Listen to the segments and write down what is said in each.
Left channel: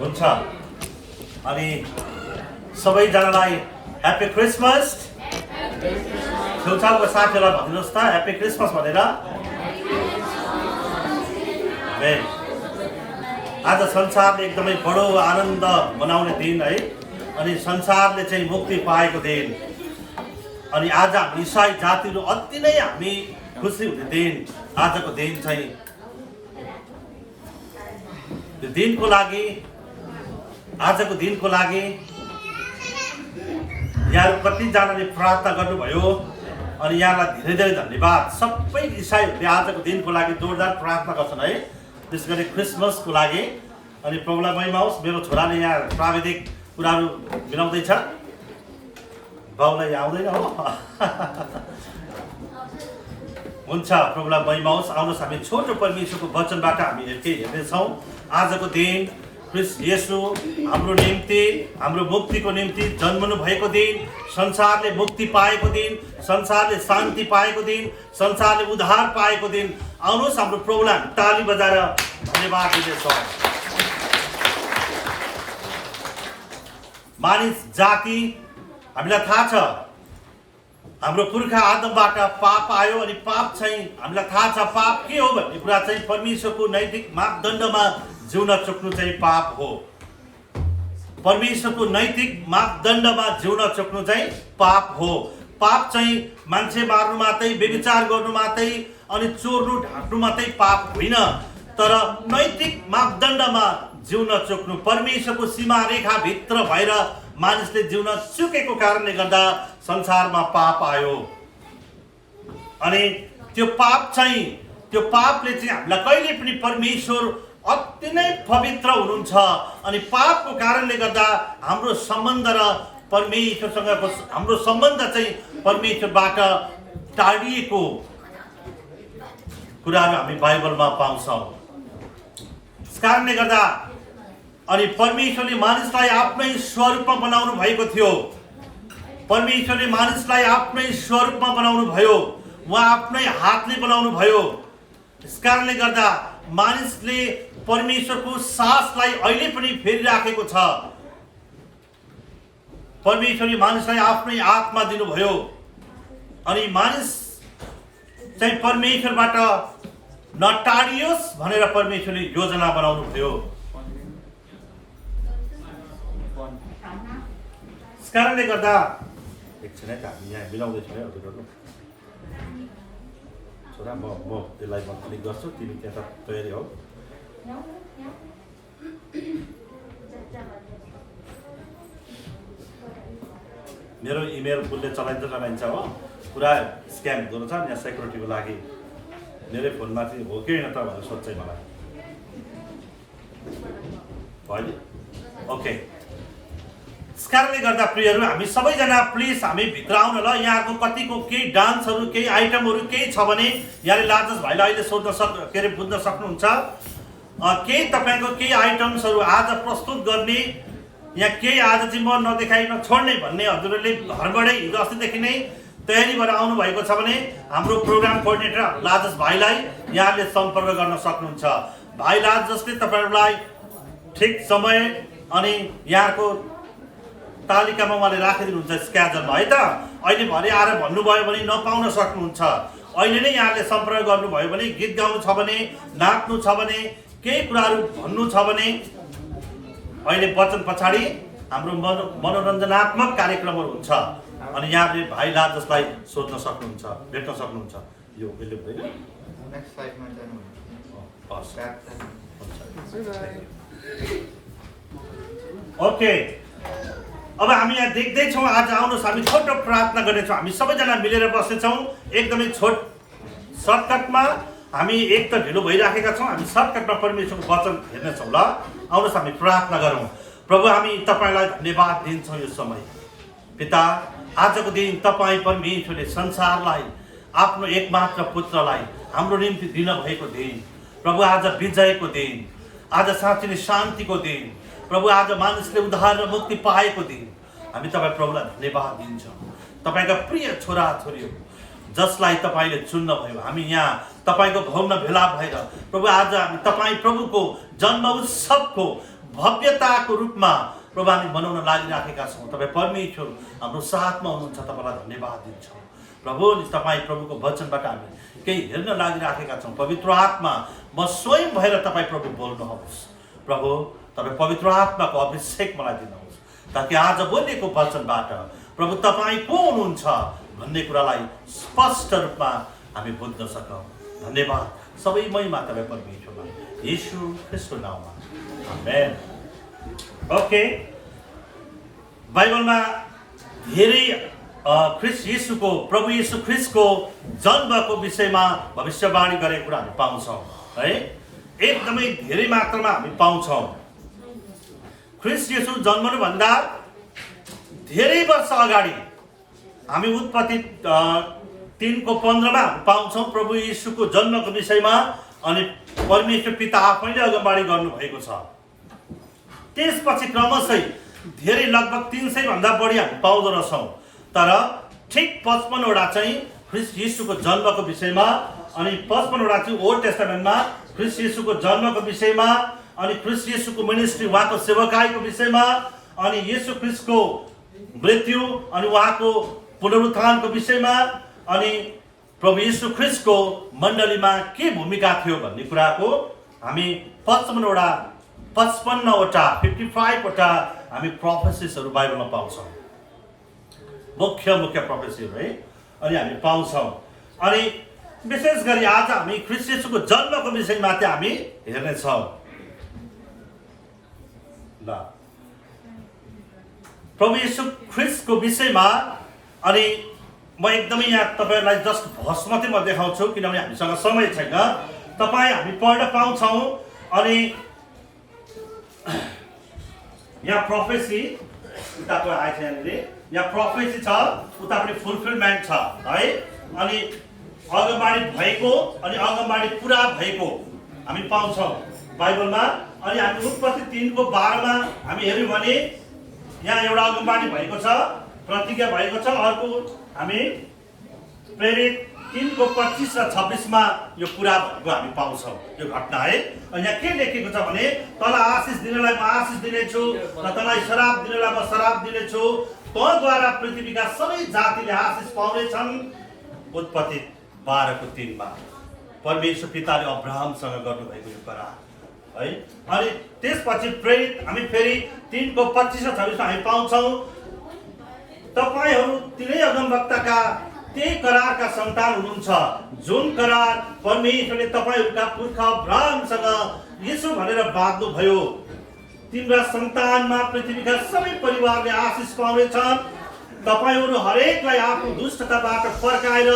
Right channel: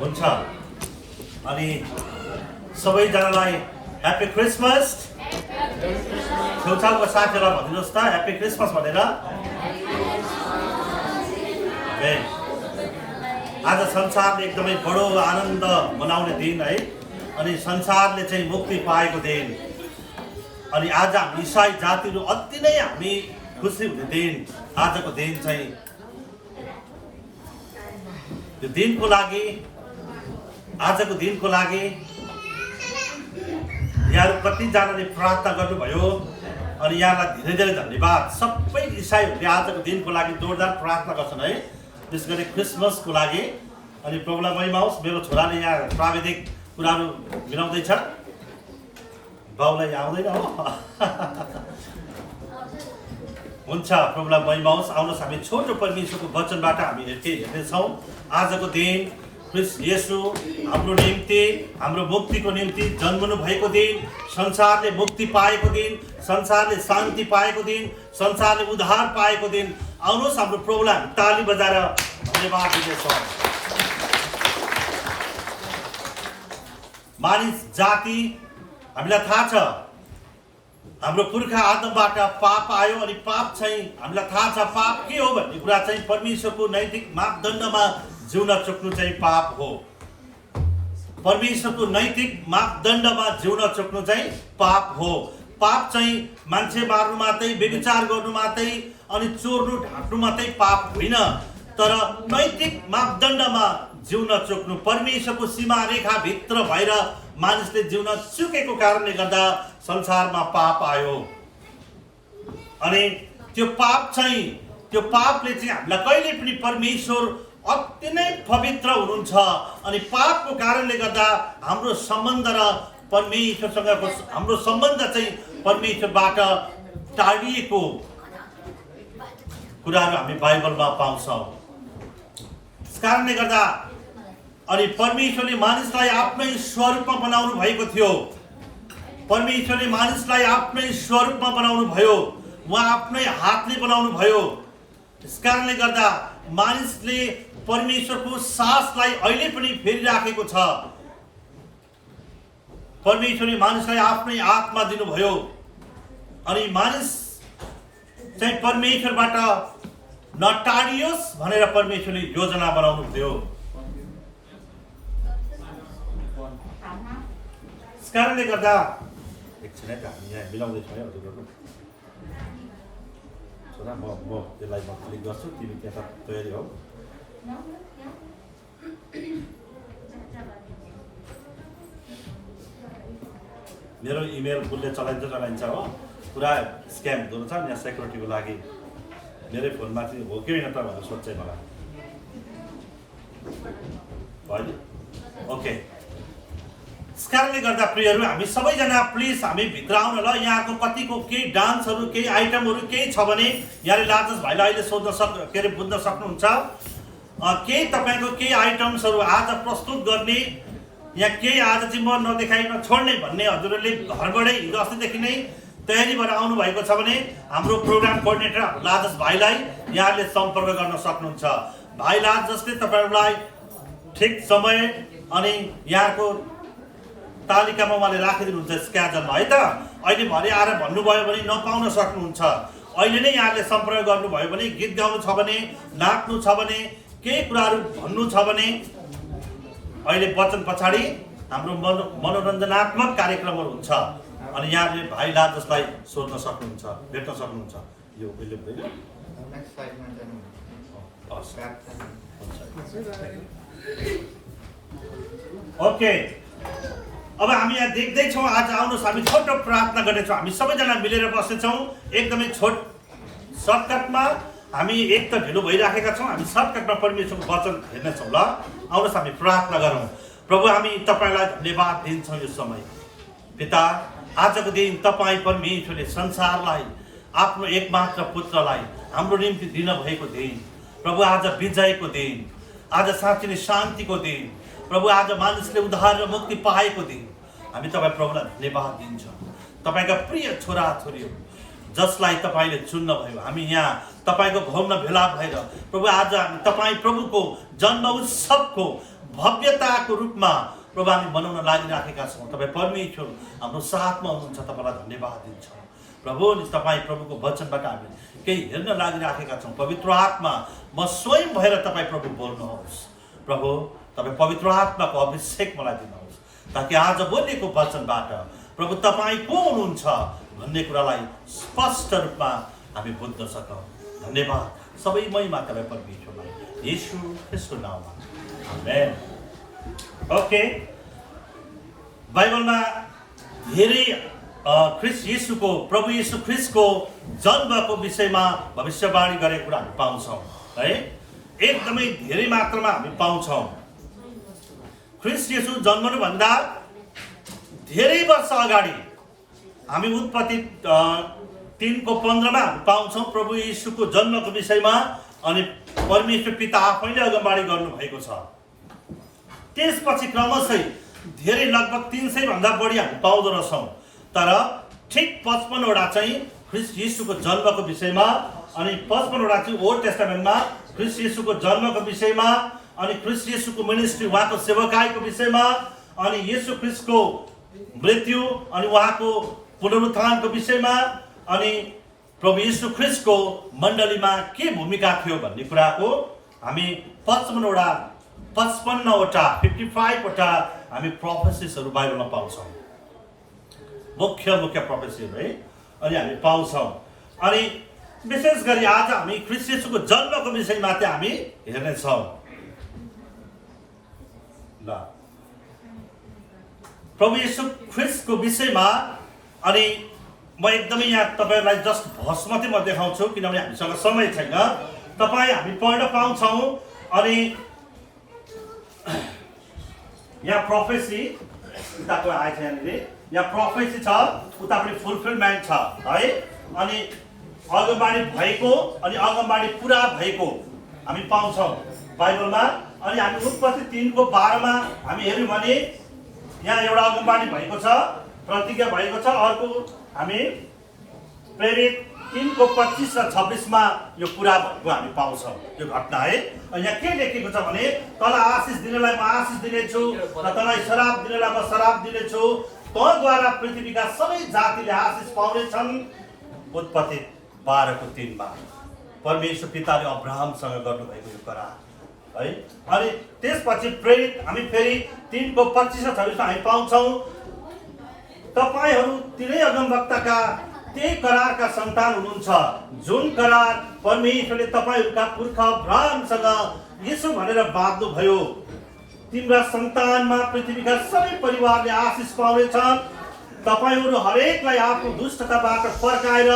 हुन्छ अनि सबैजनालाई ह्यापी क्रिसमस। छेउछाउको साथीहरूलाई भनिदिनुहोस् त ह्यापी क्रिसमस भनेर। आज संसारले एकदमै बडो आनन्द मनाउने दिन है, अनि संसारले चाहिँ मुक्ति पाएको दिन, अनि आज हामी इसाई जातिहरू अति नै हामी खुसी हुने दिन। आजको दिन चाहिँ यो दिनको लागि, आजको दिनको लागि यहाँहरू कतिजनाले प्रार्थना गर्नुभयो अनि यहाँलाई धेरै धेरै धन्यवाद। सबै इसाईहरूले आजको दिनको लागि जोरदार प्रार्थना गर्छन् है, विशेष गरी क्रिसमसको लागि। अनि प्रभुलाई महिमा होस्। मेरो छोराले यहाँ प्राविधिक कुराहरू मिलाउँदैछ, बाउलाई आउँदैन हो। हुन्छ, प्रभुलाई महिमा होस्। आउनुहोस् हामी छोटो परमेश्वरको वचनबाट हामी हेर्नेछौँ। आजको दिन ख्रीष्ट येशू हाम्रो निम्ति, हाम्रो मुक्तिको निम्ति जन्मनु भएको दिन, संसारले मुक्ति पाएको दिन, संसारले शान्ति पाएको दिन, संसारले उद्धार पाएको दिन। आउनुहोस् हाम्रो प्रभुलाई ताली बजाएर धन्यवाद दिनेछौँ। मानिस जाति, हामीलाई थाहा छ हाम्रो पुर्खा आदमबाट पाप आयो, अनि पाप चाहिँ हामीलाई थाहा छ पाप के हो भन्ने कुरा चाहिँ परमेश्वरको नैतिक मापदण्डमा जिउन चुक्नु चाहिँ पाप हो। परमेश्वरको नैतिक मापदण्डमा जिउन चुक्नु चाहिँ पाप हो। पाप चाहिँ मान्छे मार्नु मात्रै, व्यभिचार गर्नु मात्रै, अनि चोर्नु ढाँट्नु मात्रै पाप होइन, तर नैतिक मापदण्डमा जिउन चुक्नु, परमेश्वरको सीमा रेखा भित्र भएर मानिसले जिउन चुकेको कारणले गर्दा संसारमा पाप आयो। अनि त्यो पापले चाहिँ हामीलाई कहिले पनि, परमेश्वर अति नै पवित्र हुनुहुन्छ, अनि पापको कारणले गर्दा हाम्रो सम्बन्ध र परमेश्वरसँगको हाम्रो सम्बन्ध चाहिँ परमेश्वरबाट टाढिएको कुराहरू हामी बाइबलमा पाउँछौँ। यस कारणले गर्दा अनि परमेश्वरले मानिसलाई आफ्नै स्वरूपमा बनाउनु भएको थियो। परमेश्वरले मानिसलाई आफ्नै स्वरूपमा बनाउनु भयो, उहाँ आफ्नै हातले बनाउनु भयो। यस कारणले गर्दा मानिसले परमेश्वरको सासलाई अहिले पनि फेरिराखेको छ। परमेश्वरले मानिसलाई आफ्नै आत्मा दिनुभयो, अनि मानिस चाहिँ परमेश्वरबाट नटाडियोस् भनेर परमेश्वरले योजना बनाउनु भयो। यस कारणले गर्दा एकछिन है त, हामी यहाँ मिलाउँदैछौँ है। अरू गर्नु छोरा, म त्यसलाई म क्लिक गर्छु, तिमी त्यहाँ तयारी हौ। मेरो इमेल फुलले चलाइन्छ हो, पुरा स्क्याम हुँदो रहेछ। यहाँ सेक्युरिटीको लागि मेरै फोनमा चाहिँ हो कि होइन त भनेर सोध्छ मलाई। भयो ओके। यस कारणले गर्दा प्रियहरू, हामी सबैजना प्लिज हामी भित्र आउन ल। यहाँको कतिको केही डान्सहरू, केही आइटमहरू केही छ भने यहाँले लाजस भाइलाई अहिले बुझ्न सक्नुहुन्छ। केही तपाईँको केही आइटम्सहरू आज प्रस्तुत गर्ने, यहाँ केही आज चाहिँ म नदेखाइ नछोड्ने भन्ने हजुरहरूले घरबाटै हिजो अस्तिदेखि नै तयारी भएर आउनुभएको छ भने हाम्रो प्रोग्राम कोअर्डिनेटर लाजस भाइलाई यहाँले सम्पर्क गर्न सक्नुहुन्छ। भाइ लाजसले तपाईँहरूलाई ठिक समय अनि यहाँको तालिकामा उहाँले राखिदिनुहुन्छ स्क्याजलमा है त। अहिले भरे आएर भन्नुभयो भने नपाउन सक्नुहुन्छ। अहिले नै यहाँले सम्पर्क गर्नुभयो भने, गीत गाउनु छ भने, नाच्नु छ भने, केही कुराहरू भन्नु छ भने, अहिले वचन पछाडि हाम्रो मनोरञ्जनात्मक कार्यक्रमहरू हुन्छ, अनि यहाँले भाइ लाजसलाई सोध्न सक्नुहुन्छ, भेट्न सक्नुहुन्छ। यो अहिले हुँदैन, ओके। अब हामी यहाँ देख्दैछौँ, आज आउनुहोस् हामी छोटो प्रार्थना गर्नेछौँ। हामी सबैजना मिलेर बस्नेछौँ एकदमै सर्टकटमा। हामी एक त ढिलो भइराखेका छौँ, हामी सर्टकटमा परमेश्वरको वचन हेर्नेछौँ ल। आउनुहोस् हामी प्रार्थना गरौँ। प्रभु, हामी तपाईँलाई धन्यवाद दिन्छौँ यो समय। पिता, आजको दिन तपाईँ परमेश्वरले संसारलाई आफ्नो एकमात्र पुत्रलाई हाम्रो निम्ति दिनुभएको दिन। प्रभु, आज विजयको दिन, आज साँच्चै नै शान्तिको दिन। प्रभु, आज मानिसले उद्धार र मुक्ति पाएको दिन। हामी तपाईँ प्रभुलाई धन्यवाद दिन्छौँ। तपाईँका प्रिय छोरा छोरीहरू जसलाई तपाईँले चुन्नुभयो, हामी यहाँ तपाईँको भवनमा भेला भएर प्रभु आज हामी तपाईँ प्रभुको जन्म उत्सवको भव्यताको रूपमा प्रभु हामी मनाउन लागिराखेका छौँ। तपाईँ परमेश्वर हाम्रो साथमा हुनुहुन्छ, तपाईँलाई धन्यवाद दिन्छौँ प्रभु। तपाईँ प्रभुको वचनबाट हामी केही हेर्न लागिराखेका छौँ। पवित्र आत्मा म स्वयं भएर तपाईँ प्रभु बोल्नुहोस् प्रभु। तपाईँ पवित्र आत्माको अभिषेक मलाई दिनुहोस् ताकि आज बोलेको वचनबाट प्रभु तपाईँ को हुनुहुन्छ भन्ने कुरालाई स्पष्ट रूपमा हामी बुझ्न सकौँ। धन्यवाद। सबै महिमा तपाईँ परमेश्वरलाई येशू ख्रीष्टको नाममा, आमेन। ओके, बाइबलमा धेरै ख्रीष्ट येशूको, प्रभु येशू ख्रीष्टको जन्मको विषयमा भविष्यवाणी गरेको कुरा हामी पाउँछौँ है। एकदमै धेरै मात्रामा हामी पाउँछौँ। ख्रीष्ट येशू जन्मनुभन्दा धेरै वर्ष अगाडि हामी उत्पत्ति 3:15 हामी पाउँछौँ प्रभु येशूको जन्मको विषयमा। अनि परमेश्वर पिता आफैले अगमबाडी गर्नुभएको छ। त्यसपछि क्रमशः धेरै लगभग 300 भन्दा बढी हामी पाउँदो रहेछौँ। तर ठिक 55वटा चाहिँ ख्रीष्ट येशूको जन्मको विषयमा, अनि 55वटा चाहिँ ओल्ड टेस्टामेन्टमा ख्रीष्ट येशूको जन्मको विषयमा, अनि ख्रीष्ट येशूको मिनिस्ट्री, उहाँको सेवकाईको विषयमा, अनि येशू ख्रीष्टको मृत्यु अनि उहाँको पुनरुत्थानको विषयमा, अनि प्रभु येशू ख्रीष्टको मण्डलीमा के भूमिका थियो भन्ने कुराको हामी 55वटा हामी प्रोफेसिसहरू बाइबलमा पाउँछौँ। मुख्य प्रोफेसीहरू है। अनि हामी पाउँछौँ। अनि विशेष गरी आज हामी ख्रीष्ट येशूको जन्मको विषयमाथि हामी हेर्नेछौँ। ल, प्रभु येशू ख्रीष्टको विषयमा अनि म एकदमै यहाँ तपाईँहरूलाई जस्ट भर्स मात्रै म देखाउँछु किनभने हामीसँग समय छैन। तपाईँ हामी पढ्न पाउँछौँ। अनि यहाँ प्रोफेसी उताको आएछ, यहाँ प्रोफेसी छ, उता पनि फुलफिलमेन्ट छ है। अनि अगमबाडी भएको अनि अगमबाडी पुरा भएको हामी पाउँछौँ बाइबलमा। अनि हामी उत्पत्ति 3:12 हामी हेऱ्यौँ भने यहाँ एउटा अगमबाडी भएको छ, प्रतिज्ञा भएको छ। अर्को हामी प्रेरित 3:25 र 26 यो पुरा भएको हामी पाउँछौँ यो घटना है। यहाँ के लेखेको छ भने तँलाई आशिष दिनेलाई म आशिष दिनेछु र तँलाई शराब दिनेलाई म शराब दिनेछु, तँद्वारा पृथ्वीका सबै जातिले आशिष पाउनेछन्। उत्पत्ति 12:3 परमेश्वर पिताले अब्राहमसँग गर्नुभएको यो करार है। अनि त्यसपछि प्रेरित हामी फेरि 3:25 र 26 हामी पाउँछौँ, तपाईहरू तिनै अगमवक्ताका त्यही करारका सन्तान हुनुहुन्छ जुन करार परमेश्वरले तपाईहरूका पुर्खा अब्राहमसँग यसो भनेर बाँध्नु भयो, तिम्रा सन्तानमा पृथ्वीका सबै परिवारले आशिष पाउनेछन्। तपाईहरू हरेकलाई आफ्नो दुष्टताबाट फर्काएर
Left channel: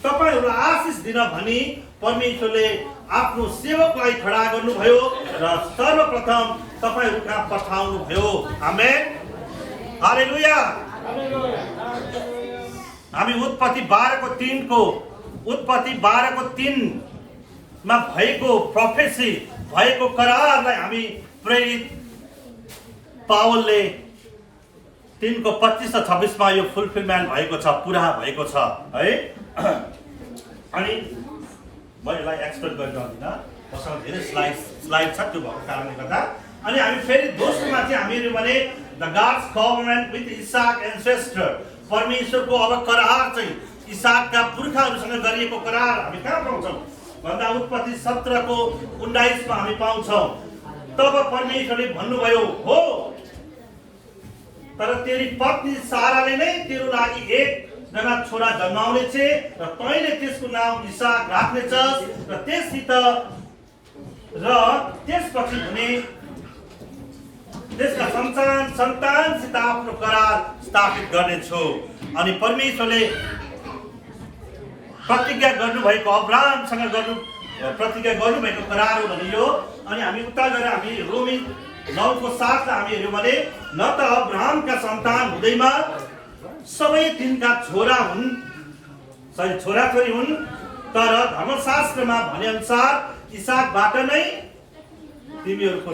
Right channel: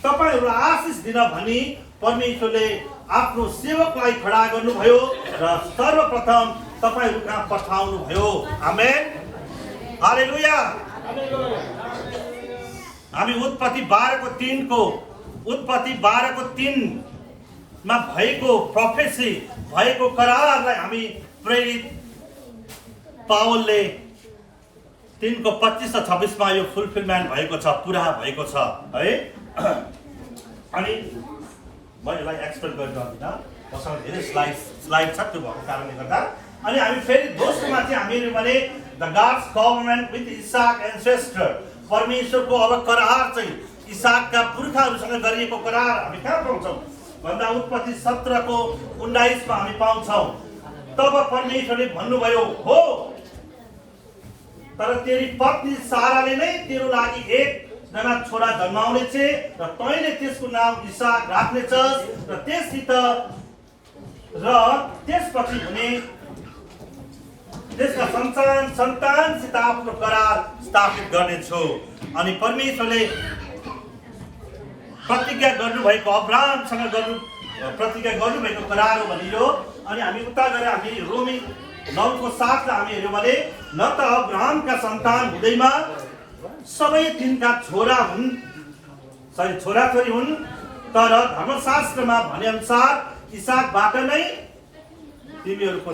तपाईहरूलाई आशिष दिन भनी परमेश्वरले आफ्नो सेवकलाई खडा गर्नुभयो र सर्वप्रथम तपाईहरू कहाँ पठाउनु भयो। आमेन, हालेलुया। हामी उत्पत्ति 12:3 मा भएको प्रोफेसी, भएको करारलाई हामी प्रेरित पावलले 3:25 र 26 यो फुलफिलमेन्ट भएको छ, पुरा भएको छ है। अनि म यसलाई एक्सप्लेन गरिरहदिनँ, मसँग धेरै स्लाइड छ त्यो भएको कारणले गर्दा। अनि हामी फेरि दोस्रोमा चाहिँ हामी हेऱ्यौँ भने the God's covenant with Isaac ancestor, परमेश्वरको अब करार चाहिँ इसाकका पुर्खाहरूसँग गरिएको करार हामी कहाँ पाउँछौँ भन्दा उत्पत्ति 17:19 हामी पाउँछौँ। तब परमेश्वरले भन्नुभयो, हो तर तेरी पत्नी साराले नै तेरो लागि एकजना छोरा जन्माउने छे र तैँले त्यसको नाम इसाक राख्नेछस् र त्यससित र त्यसपछि हुने त्यसका सन्तानसित आफ्नो करार स्थापित गर्नेछु। अनि परमेश्वरले प्रतिज्ञा गर्नुभएको अब्राहमसँग प्रतिज्ञा गर्नुभएको करार हो भने यो। अनि हामी उता गएर हामी रोमी 9:7 हामी हेऱ्यौँ भने न त अब्राहमका सन्तान हुँदैमा सबै तिनका छोराछोरी हुन्, तर धर्मशास्त्रमा भनेअनुसार इसाकबाट नै तिनीहरूको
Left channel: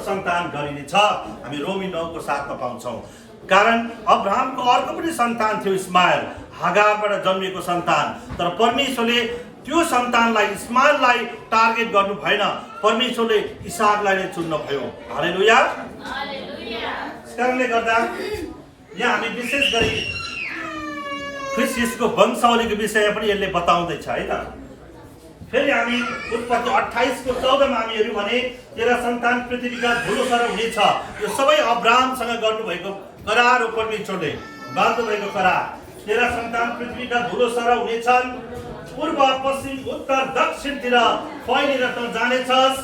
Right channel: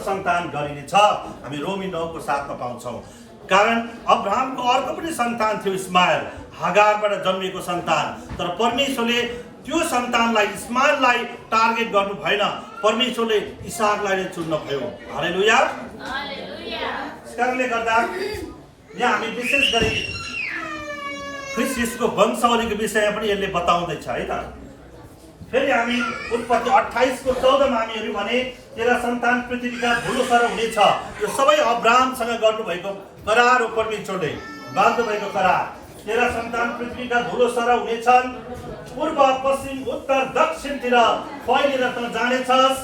सन्तान गरिनेछ। हामी रोमी 9:7 पाउँछौँ। कारण अब्राहमको अर्को पनि सन्तान थियो, इस्माइल, हागारबाट जन्मिएको सन्तान। तर परमेश्वरले त्यो सन्तानलाई इस्माइललाई टार्गेट गर्नु भएन, परमेश्वरले इसाकलाई नै चुन्नु भयो। हालेलुया। त्यसकारणले गर्दा यहाँ हामी विशेष गरी ख्रिस्ट येशूको वंशावलीको विषयमा पनि यसले बताउँदैछ है त। फेरि हामी उत्पत्ति 28 को 14 मा हामी हेर्यौँ भने तेरा सन्तान पृथ्वीका धुलो सर हुनेछ। यो सबै अब्राहमसँग गर्नुभएको करार हो, परमेश्वरले बाँध्नु भएको करार। तेरा सन्तान पृथ्वीका धुलो सर हुनेछन्, पूर्व पश्चिम उत्तर दक्षिणतिर फैलेर त जानेछस्,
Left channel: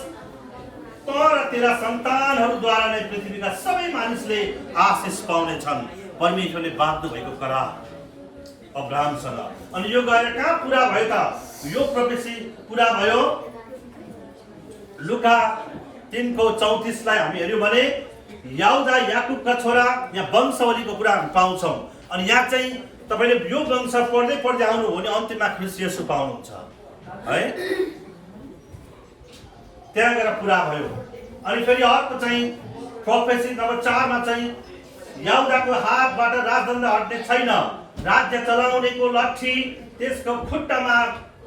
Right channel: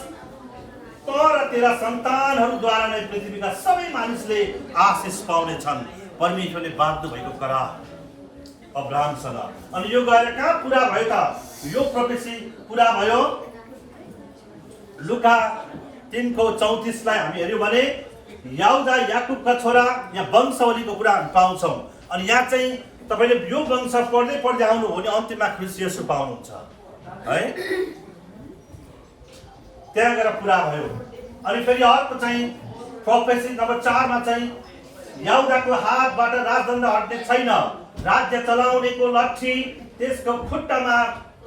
तर तेरा सन्तानहरूद्वारा नै पृथ्वीका सबै मानिसले आशिष पाउनेछन्। परमेश्वरले बाँध्नु भएको करार अब्राहमसँग। अनि यो गएर कहाँ पुरा भयो त? यो प्रोफेसी पुरा भयो लुका 3:34 लाई हामी हेर्यौँ भने याहुदा याकुबका छोरा, यहाँ वंशावलीको कुरा हामी पाउँछौँ। अनि यहाँ चाहिँ तपाईले यो वंश पढ्दै पढ्दै आउनु हो भने अन्त्यमा ख्रिस्ट येशू पाउनुहुन्छ है, त्यहाँ गएर पुरा भयो। अनि फेरि अर्को चाहिँ प्रोफेसी नम्बर 4 मा चाहिँ याहुदाको हातबाट राजदण्ड हट्ने छैन, राज्य चलाउनेको लट्ठी त्यसको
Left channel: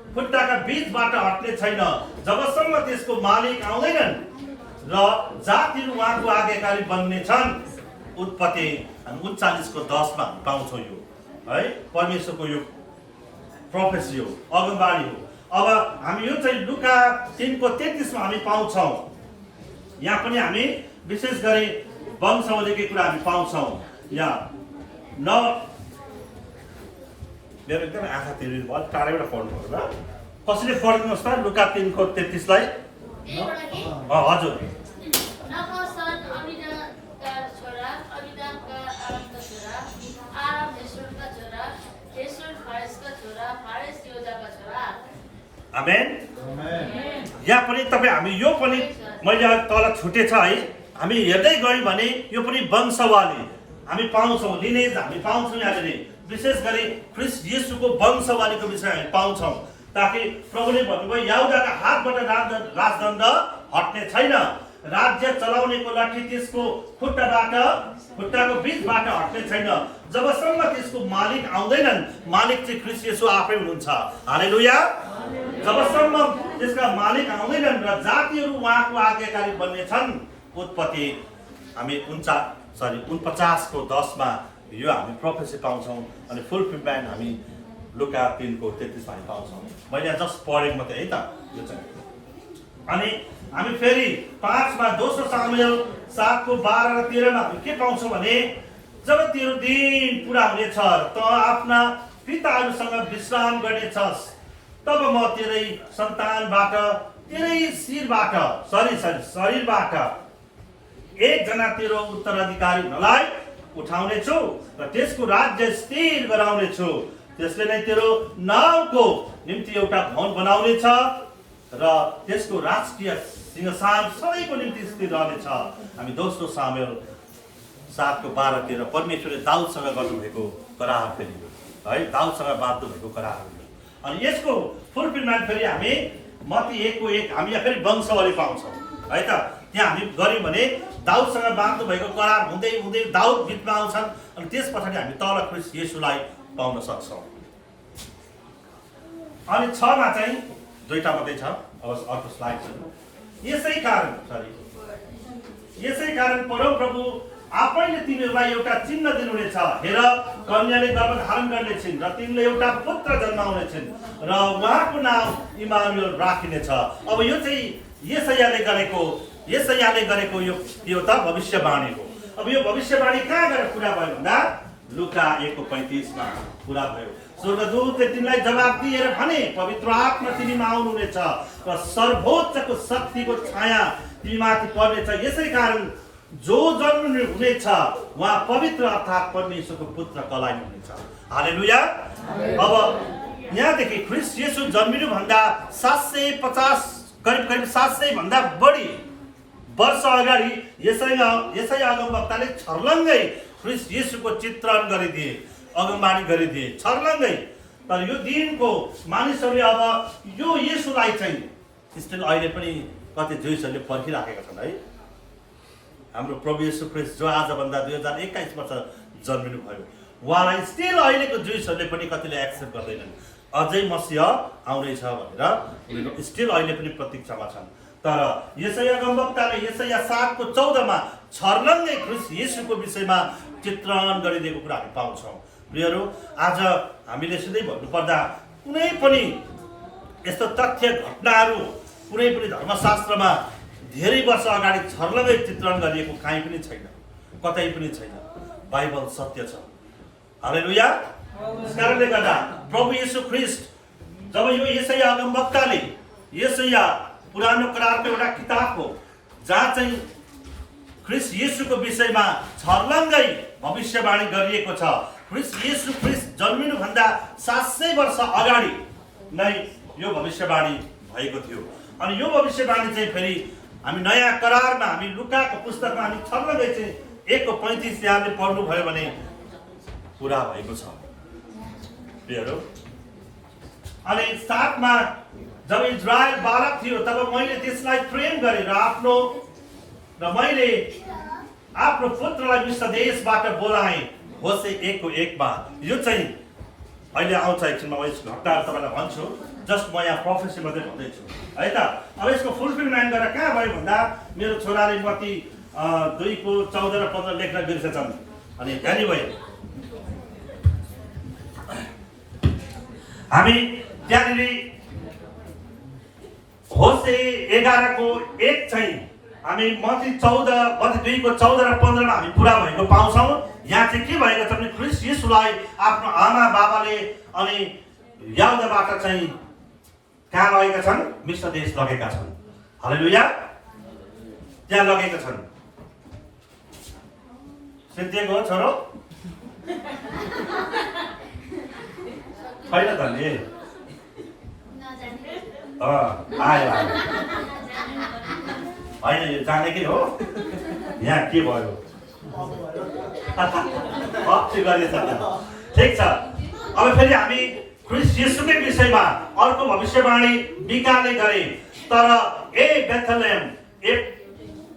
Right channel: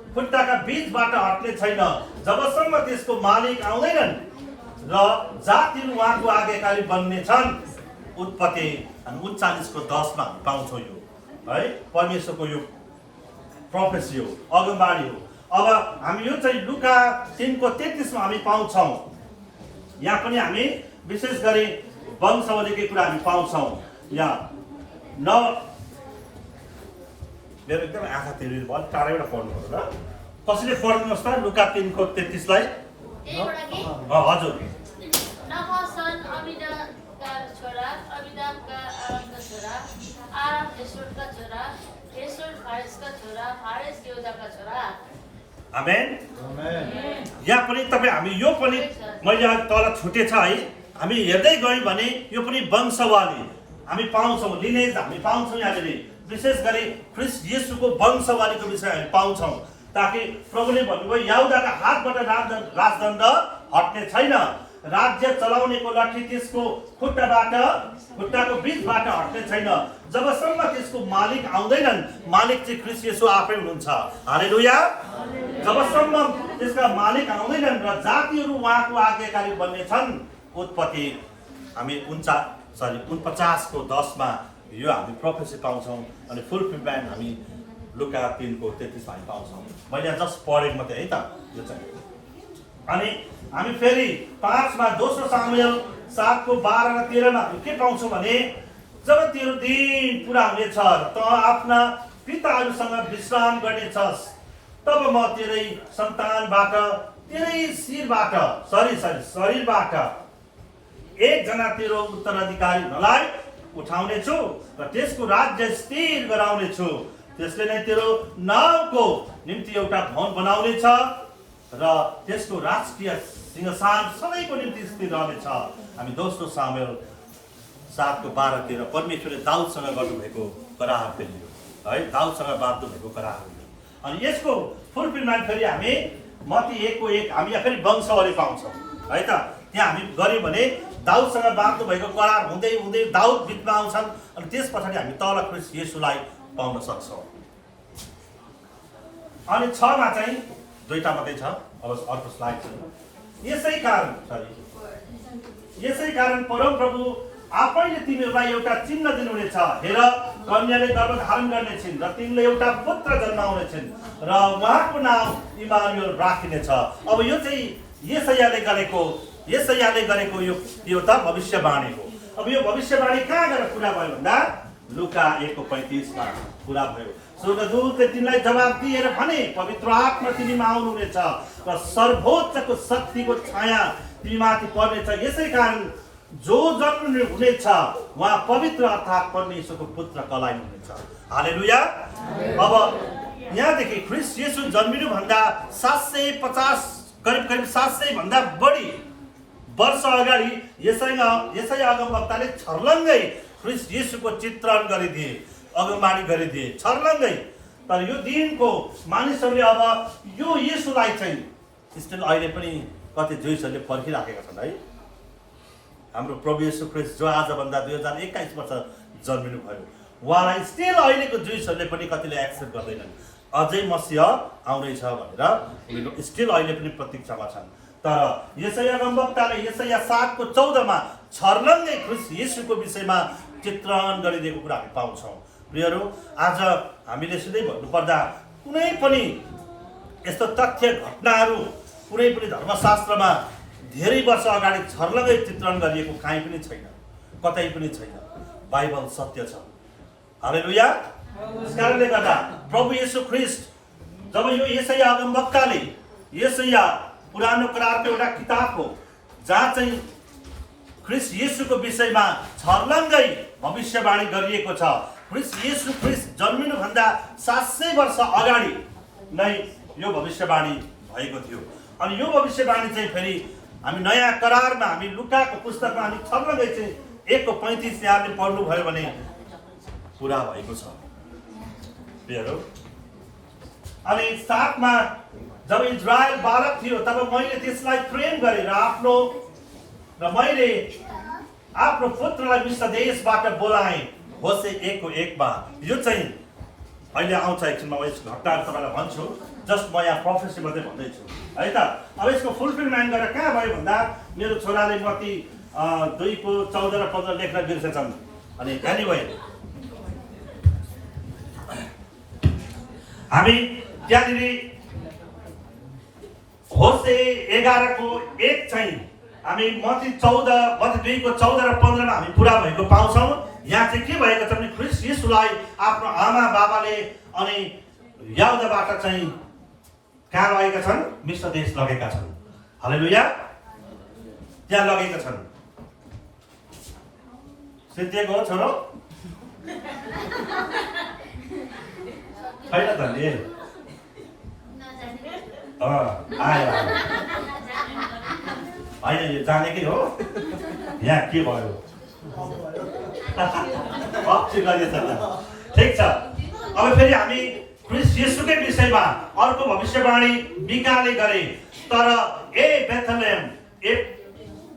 खुट्टाका बीचबाट हट्ने छैन, जबसम्म त्यसको मालिक आउँदैनन् र जातिहरू उहाँको आज्ञाकारी बन्ने छन्। उत्पत्ति 39:10 मा पाउँछौँ यो है, परमेश्वरको यो प्रोफेसी हो, अगमबाणी हो। अब हामी यो चाहिँ लुका 3:33 मा हामी पाउँछौँ। यहाँ पनि हामी विशेष गरी वंशावलीकै कुरा हामी पाउँछौँ। यहाँ मेरो एकदम आँखा तिर्नु भयो, टाढैबाट पढ्नु पर्यो ल। कसैले पढिदिनुहोस् त लुका 3:33 लाई। हजुर। आमेन। यहाँ पनि तपाईँ हामी यो पनि मैले तल छुटेछ है, हामी हेर्दै गयौँ भने यो पनि वंशावली हामी पाउँछौँ, लिनेज हामी पाउँछौँ। यहाँनिर विशेष गरी ख्रिस्ट येशूको वंशावलीको विषय हामी पाउँछौँ, ताकि प्रभुले भन्नुभयो याहुदाका हातबाट राजदण्ड हट्ने छैन, राज्य चलाउनेको लाठी त्यसको खुट्टाको बीचबाट हट्ने छैन, जबसम्म त्यसको मालिक आउँदैनन्। मालिक चाहिँ ख्रिस्ट येशू आफै हुनुहुन्छ। हालेलुया। जबसम्म त्यसका मालिक आउँदैनन् र जातिहरू उहाँको आज्ञाकारी बन्ने छन्। उत्पत्ति हामी 49:10 मा यो हामी प्रोफेसी पाउँछौँ। अनि फुलफिलमेन्ट हामी लुका 3:33 मा हामी पाउँछौँ। मैले जस्ट पढेको मात्रै है त यो चाहिँ। अनि हामी फेरि 5 मा दोस्रो सामुएल 7:12 र 13 मा हामी के पाउँछौँ भने जब तेरो दिन पुरा हुनेछ त आफ्ना पिताहरूसँग विश्राम गर्नेछस्, तब म तेरै सन्तानबाट तेरै शरीरबाट एकजना तेरो उत्तराधिकारी हुनलाई उठाउने छु र त्यसको राज्य स्थिर गराउने छु। त्यसले नै तेरो नाउँको निम्ति एउटा भवन बनाउने छ र त्यसको राजकीय सिंहासन सबैको निम्ति स्थिर रहनेछ। हामी दोस्रो सामुएल 7:12-13 परमेश्वरले दाउदसँग गर्नुभएको करार फेरि यो है, दाउदसँग बाँध्नु भएको करार हो। अनि यसको फुलफिलमेन्ट फेरि हामी मत्ती 1:1 हामी यहाँ फेरि वंशावली पाउँछौँ है त। त्यहाँ हामी गऱ्यौँ भने दाउदसँग बाँध्नु भएको करार हुँदै हुँदै दाउद बिचमा आउँछन्। अनि त्यस पछाडि हामी तल ख्रिस्ट येशूलाई पाउन सक्छौँ। अनि 6 मा चाहिँ दुईटा मात्रै छ, अब अर्को स्लाइड छ। यसै कारण परमप्रभु आफैले तिमीहरूलाई एउटा चिन्ह दिनुहुनेछ। हेर, कन्याले गर्भ धारण गर्नेछिन् र तिमीले एउटा पुत्र जन्माउनेछिन् र उहाँको नाम इमानुएल राखिनेछ। अब यो चाहिँ येसायाले गरेको यो त भविष्यवाणी हो। अब यो भविष्यवाणी कहाँ गएर पुरा भयो भन्दा लुका 1:35 मा पुरा भयो। स्वर्गदूतले तिमीलाई जवाब दिएर भने, पवित्र आत्मा तिमीमा आउनुहुनेछ र सर्वोच्चको शक्तिको छाया तिमीमाथि पर्नेछ। यसै कारण जो जन्म हुनेछ उहाँ पवित्र अर्थात् परमेश्वरको पुत्र कहलाइनुहुनेछ। हालेलुया। अब यहाँदेखि ख्रिस्ट येशू जन्मिनु भन्दा 750 करिब 700 भन्दा बढी वर्ष अगाडि यसै अगमवक्ताले छर्लङ्गै ख्रिस्ट येशूको चित्रण गरिदिए, अगमबाणी गरिदिए छर्लङ्गै। तर यो दिनको मानिसहरूले अब यो येशूलाई चाहिँ स्टिल अहिले पनि कति जुइसहरूले पर्खिराखेका छन् है। हाम्रो प्रभु येशू ख्रिस्ट जो आजभन्दा 2021 वर्ष जन्मिनु भयो, उहाँलाई स्टिल अहिलेको जुइसहरूले पनि कतिले एक्सेप्ट गर्दैनन्। अझै मसीह आउनेछ भनेर उनीहरू स्टिल अहिले पनि प्रतीक्षामा छन्। तर यशाया अगमवक्ताले यशाया 7:14 छर्लङ्गै ख्रीष्ट येशूको विषयमा चित्रण गरिदिएको कुरा हामी पाउँछौँ। प्रियहरू, आज हामीले सिधै भन्नुपर्दा कुनै पनि यस्तो तथ्य घटनाहरू कुनै पनि धर्मशास्त्रमा धेरै वर्ष अगाडि छर्लङ्गै चित्रण गरिएको कहीँ पनि छैन, कतै पनि छैन। बाइबल सत्य छ। हालेलुया। त्यसकारणले गर्दा प्रभु येशू ख्रीष्ट जब यो यशाया अगमवक्ताले यशाया पुरानो करारको एउटा किताब हो जहाँ चाहिँ ख्रीष्ट येशूको विषयमा छर्लङ्गै भविष्यवाणी गरिएको छ। ख्रीष्ट जन्मिनुभन्दा 700 वर्ष अगाडि नै यो भविष्यवाणी भएको थियो। अनि यो भविष्यवाणी चाहिँ फेरि हामी नयाँ करारमा हामी लुकाको पुस्तकमा हामी छर्लङ्गै चाहिँ 1:35 यहाँले पढ्नुभयो भने पुरा भएको छ। प्रियहरू, अनि 7मा जब इजरायल बालक थियो तब मैले त्यसलाई ट्रेन गरेर मैले आफ्नो पुत्रलाई मिश्र देशबाट बोलाएँ। होसे 1:1 यो चाहिँ अहिले आउँछ। एकछिनमा म यस घटनाहरू तपाईँलाई भन्छु, जस्ट म यहाँ प्रोफेसी मात्रै भन्दैछु है त। अब यसको फुलफिलमेन्ट गरेर कहाँ भयो भन्दा मेरो छोराले मत्ती 2:14 र 15 लेख्न बिर्सेछन्। अनि एनिवे हामी त्यहाँनिर होसे 11:1 चाहिँ हामी मत्ती 2:14 र 15 हामी पुरा भएको पाउँछौँ। यहाँ चाहिँ के भएको छ भने ख्रीष्ट येशूलाई आफ्नो आमा बाबाले अनि यहुदाबाट चाहिँ कहाँ लगेका छन्? मिश्र देश लगेका छन्। हालेलुया। त्यहाँ लगेका छन्। सिद्धिएको हो छोरो? छैन त नि? आयो होइन, यो जानेकै हो। यहाँ के भयो? ठिक छ। अब फेरि हामी ख्रीष्ट येशूकै विषयमा अर्को भविष्यवाणी मिकाले गरे। तर ए बेथलेहेम,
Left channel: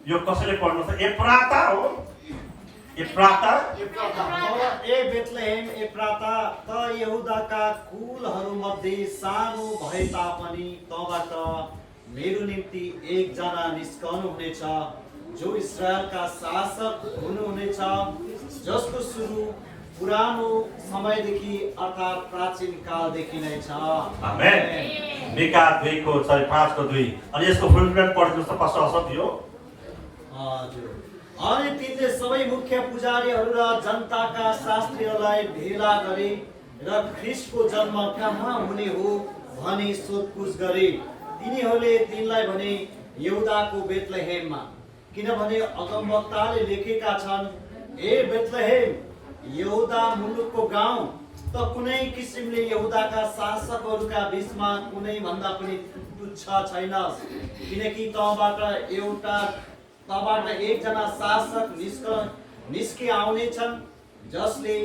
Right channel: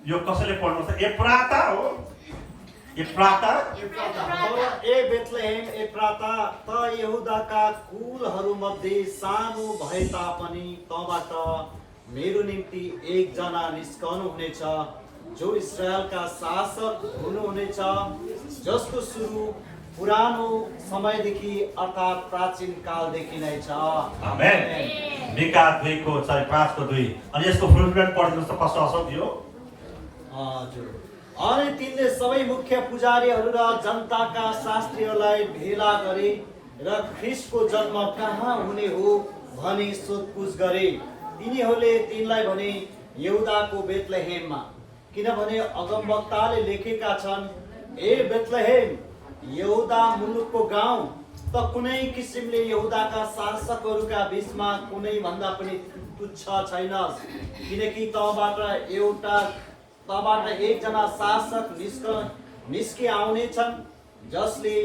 यो कसैले पढ्नुहुन्छ? एफ्राता हो। एफ्राता ए बेथलेहेम एफ्राता त यहुदाका कुलहरूमध्ये सानो भए तापनि तँबाट मेरो निम्ति एकजना निस्कनु हुनेछ जो इस्राएलका शासक हुनुहुनेछ, जसको सुरु पुरानो समयदेखि अर्थात् प्राचीन कालदेखि नै छ। आमेन। मिका 2:5-2 अनि यसको फुलफिलमेन्ट पढ्नुस् त कस्तो असर यो? हजुर। अनि तिनले सबै मुख्य पुजारीहरू र जनताका शास्त्रीहरूलाई भेला गरे र ख्रीष्टको जन्म कहाँ हुने हो भनी सोधपुछ गरे। तिनीहरूले तिनलाई भने यहुदाको बेथलेहेममा, किनभने अगमवक्ताले लेखेका छन्, ए बेथलेहेम यहुदा मुलुकको गाउँ त कुनै किसिमले यहुदाका शासकहरूका बीचमा कुनै भन्दा पनि तुच्छ छैन, किनकि तँबाट एकजना शासक निस्के आउनेछन् जसले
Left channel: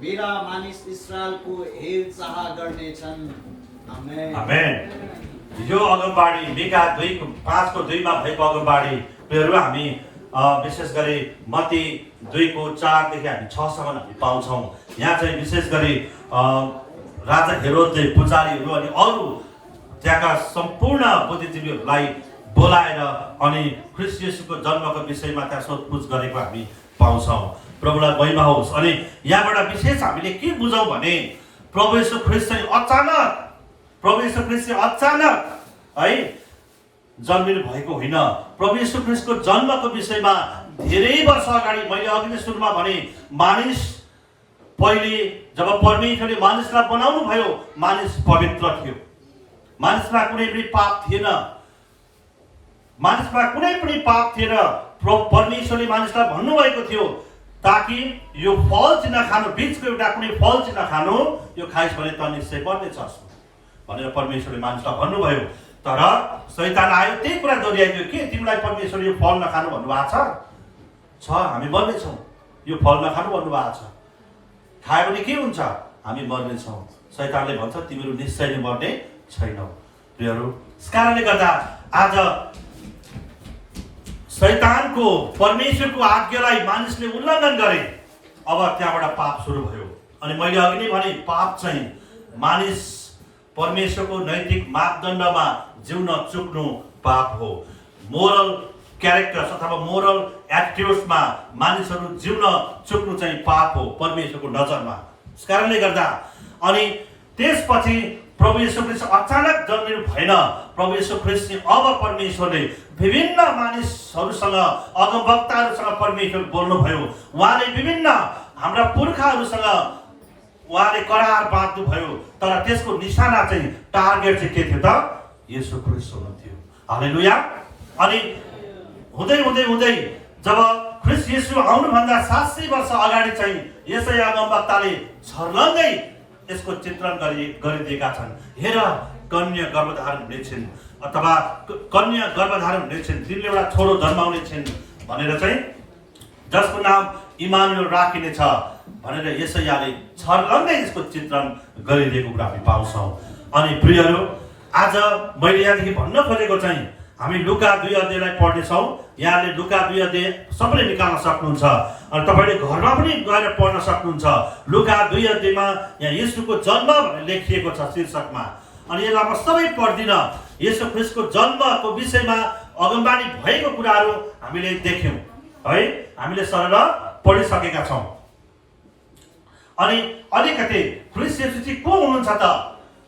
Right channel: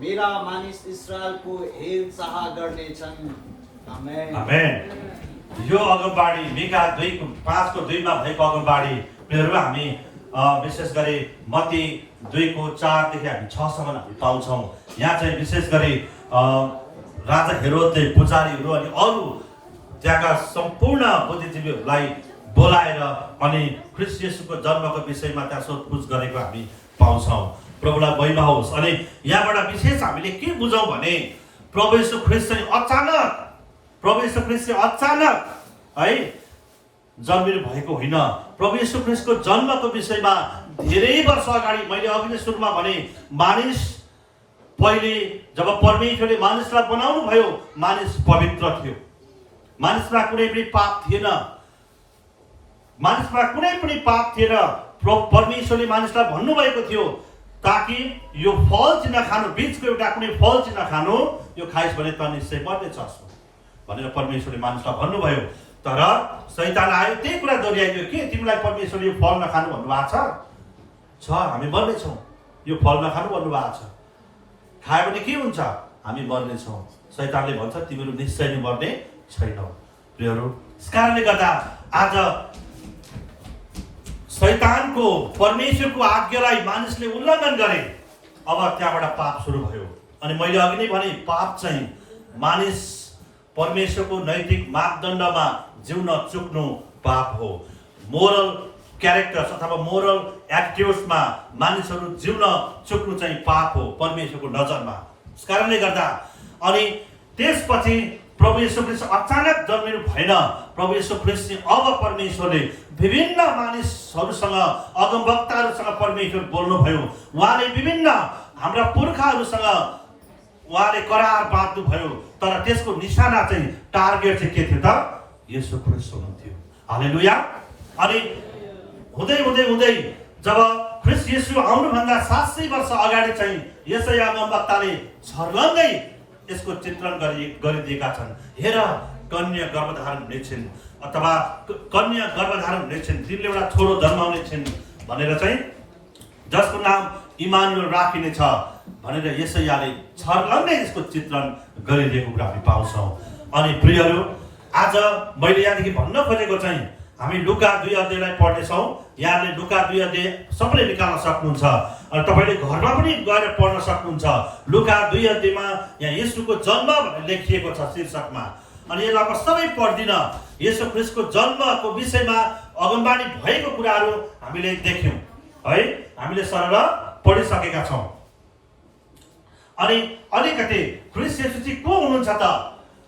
मेरा मानिस इस्राएलको हेरचाह गर्नेछन्। आमेन। आमेन। यो अगमबाणी मिका 2:5-2 भएको अगमबाणी हामी विशेष गरी मत्ती 2:4 देखि हामी 6सम्म हामी पाउँछौँ। यहाँ चाहिँ विशेष गरी राजा हेरोदले पुजारीहरू अनि अरू त्यहाँका सम्पूर्ण बुद्धिजीवीहरूलाई बोलाएर अनि ख्रीष्ट येशूको जन्मको विषयमा त्यहाँ सोधपुछ गरेको हामी पाउँछौँ। प्रभुलाई महिमा होस्। अनि यहाँबाट विशेष हामीले के बुझौँ भने प्रभु येशू ख्रीष्ट चाहिँ अचानक है जन्मिनु भएको होइन। प्रभु येशू ख्रीष्टको जन्मको विषयमा धेरै वर्ष अगाडि मैले अघि नै सुरुमा भने मानिस पहिले जब परमेश्वरले मानिसलाई बनाउनु भयो, मानिस पवित्र थियो, मानिसमा कुनै पनि पाप थिएन। परमेश्वरले मानिसलाई भन्नुभएको थियो ताकि यो फल चाहिँ नखानु, बीचको एउटा कुनै फल चाहिँ नखानु, यो खाइस् भने त निश्चय मर्नेछस् भनेर परमेश्वरले मानिसलाई भन्नुभयो। तर शैतान आयो, त्यही कुरा दोहोऱ्याइदियो कि तिमीलाई परमेश्वरले यो फल नखानु भन्नुभएको छ, हामी मर्नेछौँ, यो फल नखानु भन्नुभएको छ, खायो भने के हुन्छ? हामी मर्नेछौँ। शैतानले भन्छ तिमीहरू निश्चय नै मर्ने छैनौ। प्रियहरू, यस कारणले गर्दा आज शैतानको परमेश्वरको आज्ञालाई मानिसले उल्लङ्घन गरे। अब त्यहाँबाट पाप सुरु भयो। अनि मैले अघि नै भने पाप चाहिँ मानिस परमेश्वरको नैतिक मापदण्डमा जिउन चुक्नु पाप हो। मोरल क्यारेक्टर्स अथवा मोरल एटिट्युड्समा मानिसहरू जिउन चुक्नु चाहिँ पाप हो परमेश्वरको नजरमा। त्यस कारणले गर्दा अनि त्यसपछि प्रभु येशू ख्रीष्ट अचानक जन्मिनु भएन। प्रभु येशू ख्रीष्ट अब परमेश्वरले विभिन्न मानिसहरूसँग अगमवक्ताहरूसँग परमेश्वर बोल्नुभयो। उहाँले विभिन्न हाम्रा पुर्खाहरूसँग उहाँले करार बाँध्नु भयो। तर त्यसको निशाना चाहिँ टार्गेट चाहिँ के थियो त? येशू ख्रीष्ट हुनुहुन्थ्यो। हालेलुया। अनि हुँदै हुँदै हुँदै जब ख्रीष्ट येशू आउनुभन्दा 700 वर्ष अगाडि चाहिँ यशाया अगमवक्ताले छर्लङ्गै यसको चित्रण गरिदिएका छन्। हेर, कन्या गर्भधारण हुनेछिन् अथवा कन्या गर्भधारण हुनेछिन्, तिनले एउटा छोरो जन्माउने छिन् भनेर चाहिँ, जसको नाम इमानुएल राखिनेछ भनेर यशायाले छर्लङ्गै यसको चित्रण गरिदिएको कुरा हामी पाउँछौँ। अनि प्रियहरू, आज मैले यहाँदेखि भन्न खोजेको चाहिँ हामी लुका 2 अध्यायलाई पढ्नेछौँ। यहाँले लुका 2 अध्याय सबैले निकाल्न सक्नुहुन्छ अनि तपाईँले घरमा पनि गएर पढ्न सक्नुहुन्छ। लुका 2 अध्यायमा यहाँ येशूको जन्म भनेर लेखिएको छ शीर्षकमा। अनि यसलाई म सबै पढ्दिनँ। येशू ख्रीष्टको जन्मको विषयमा अगमबानी भएको कुराहरू हामीले देख्यौँ है, हामीले सरल पढिसकेका छौँ। अनि अलिकति ख्रीष्ट येशू चाहिँ को हुनुहुन्छ त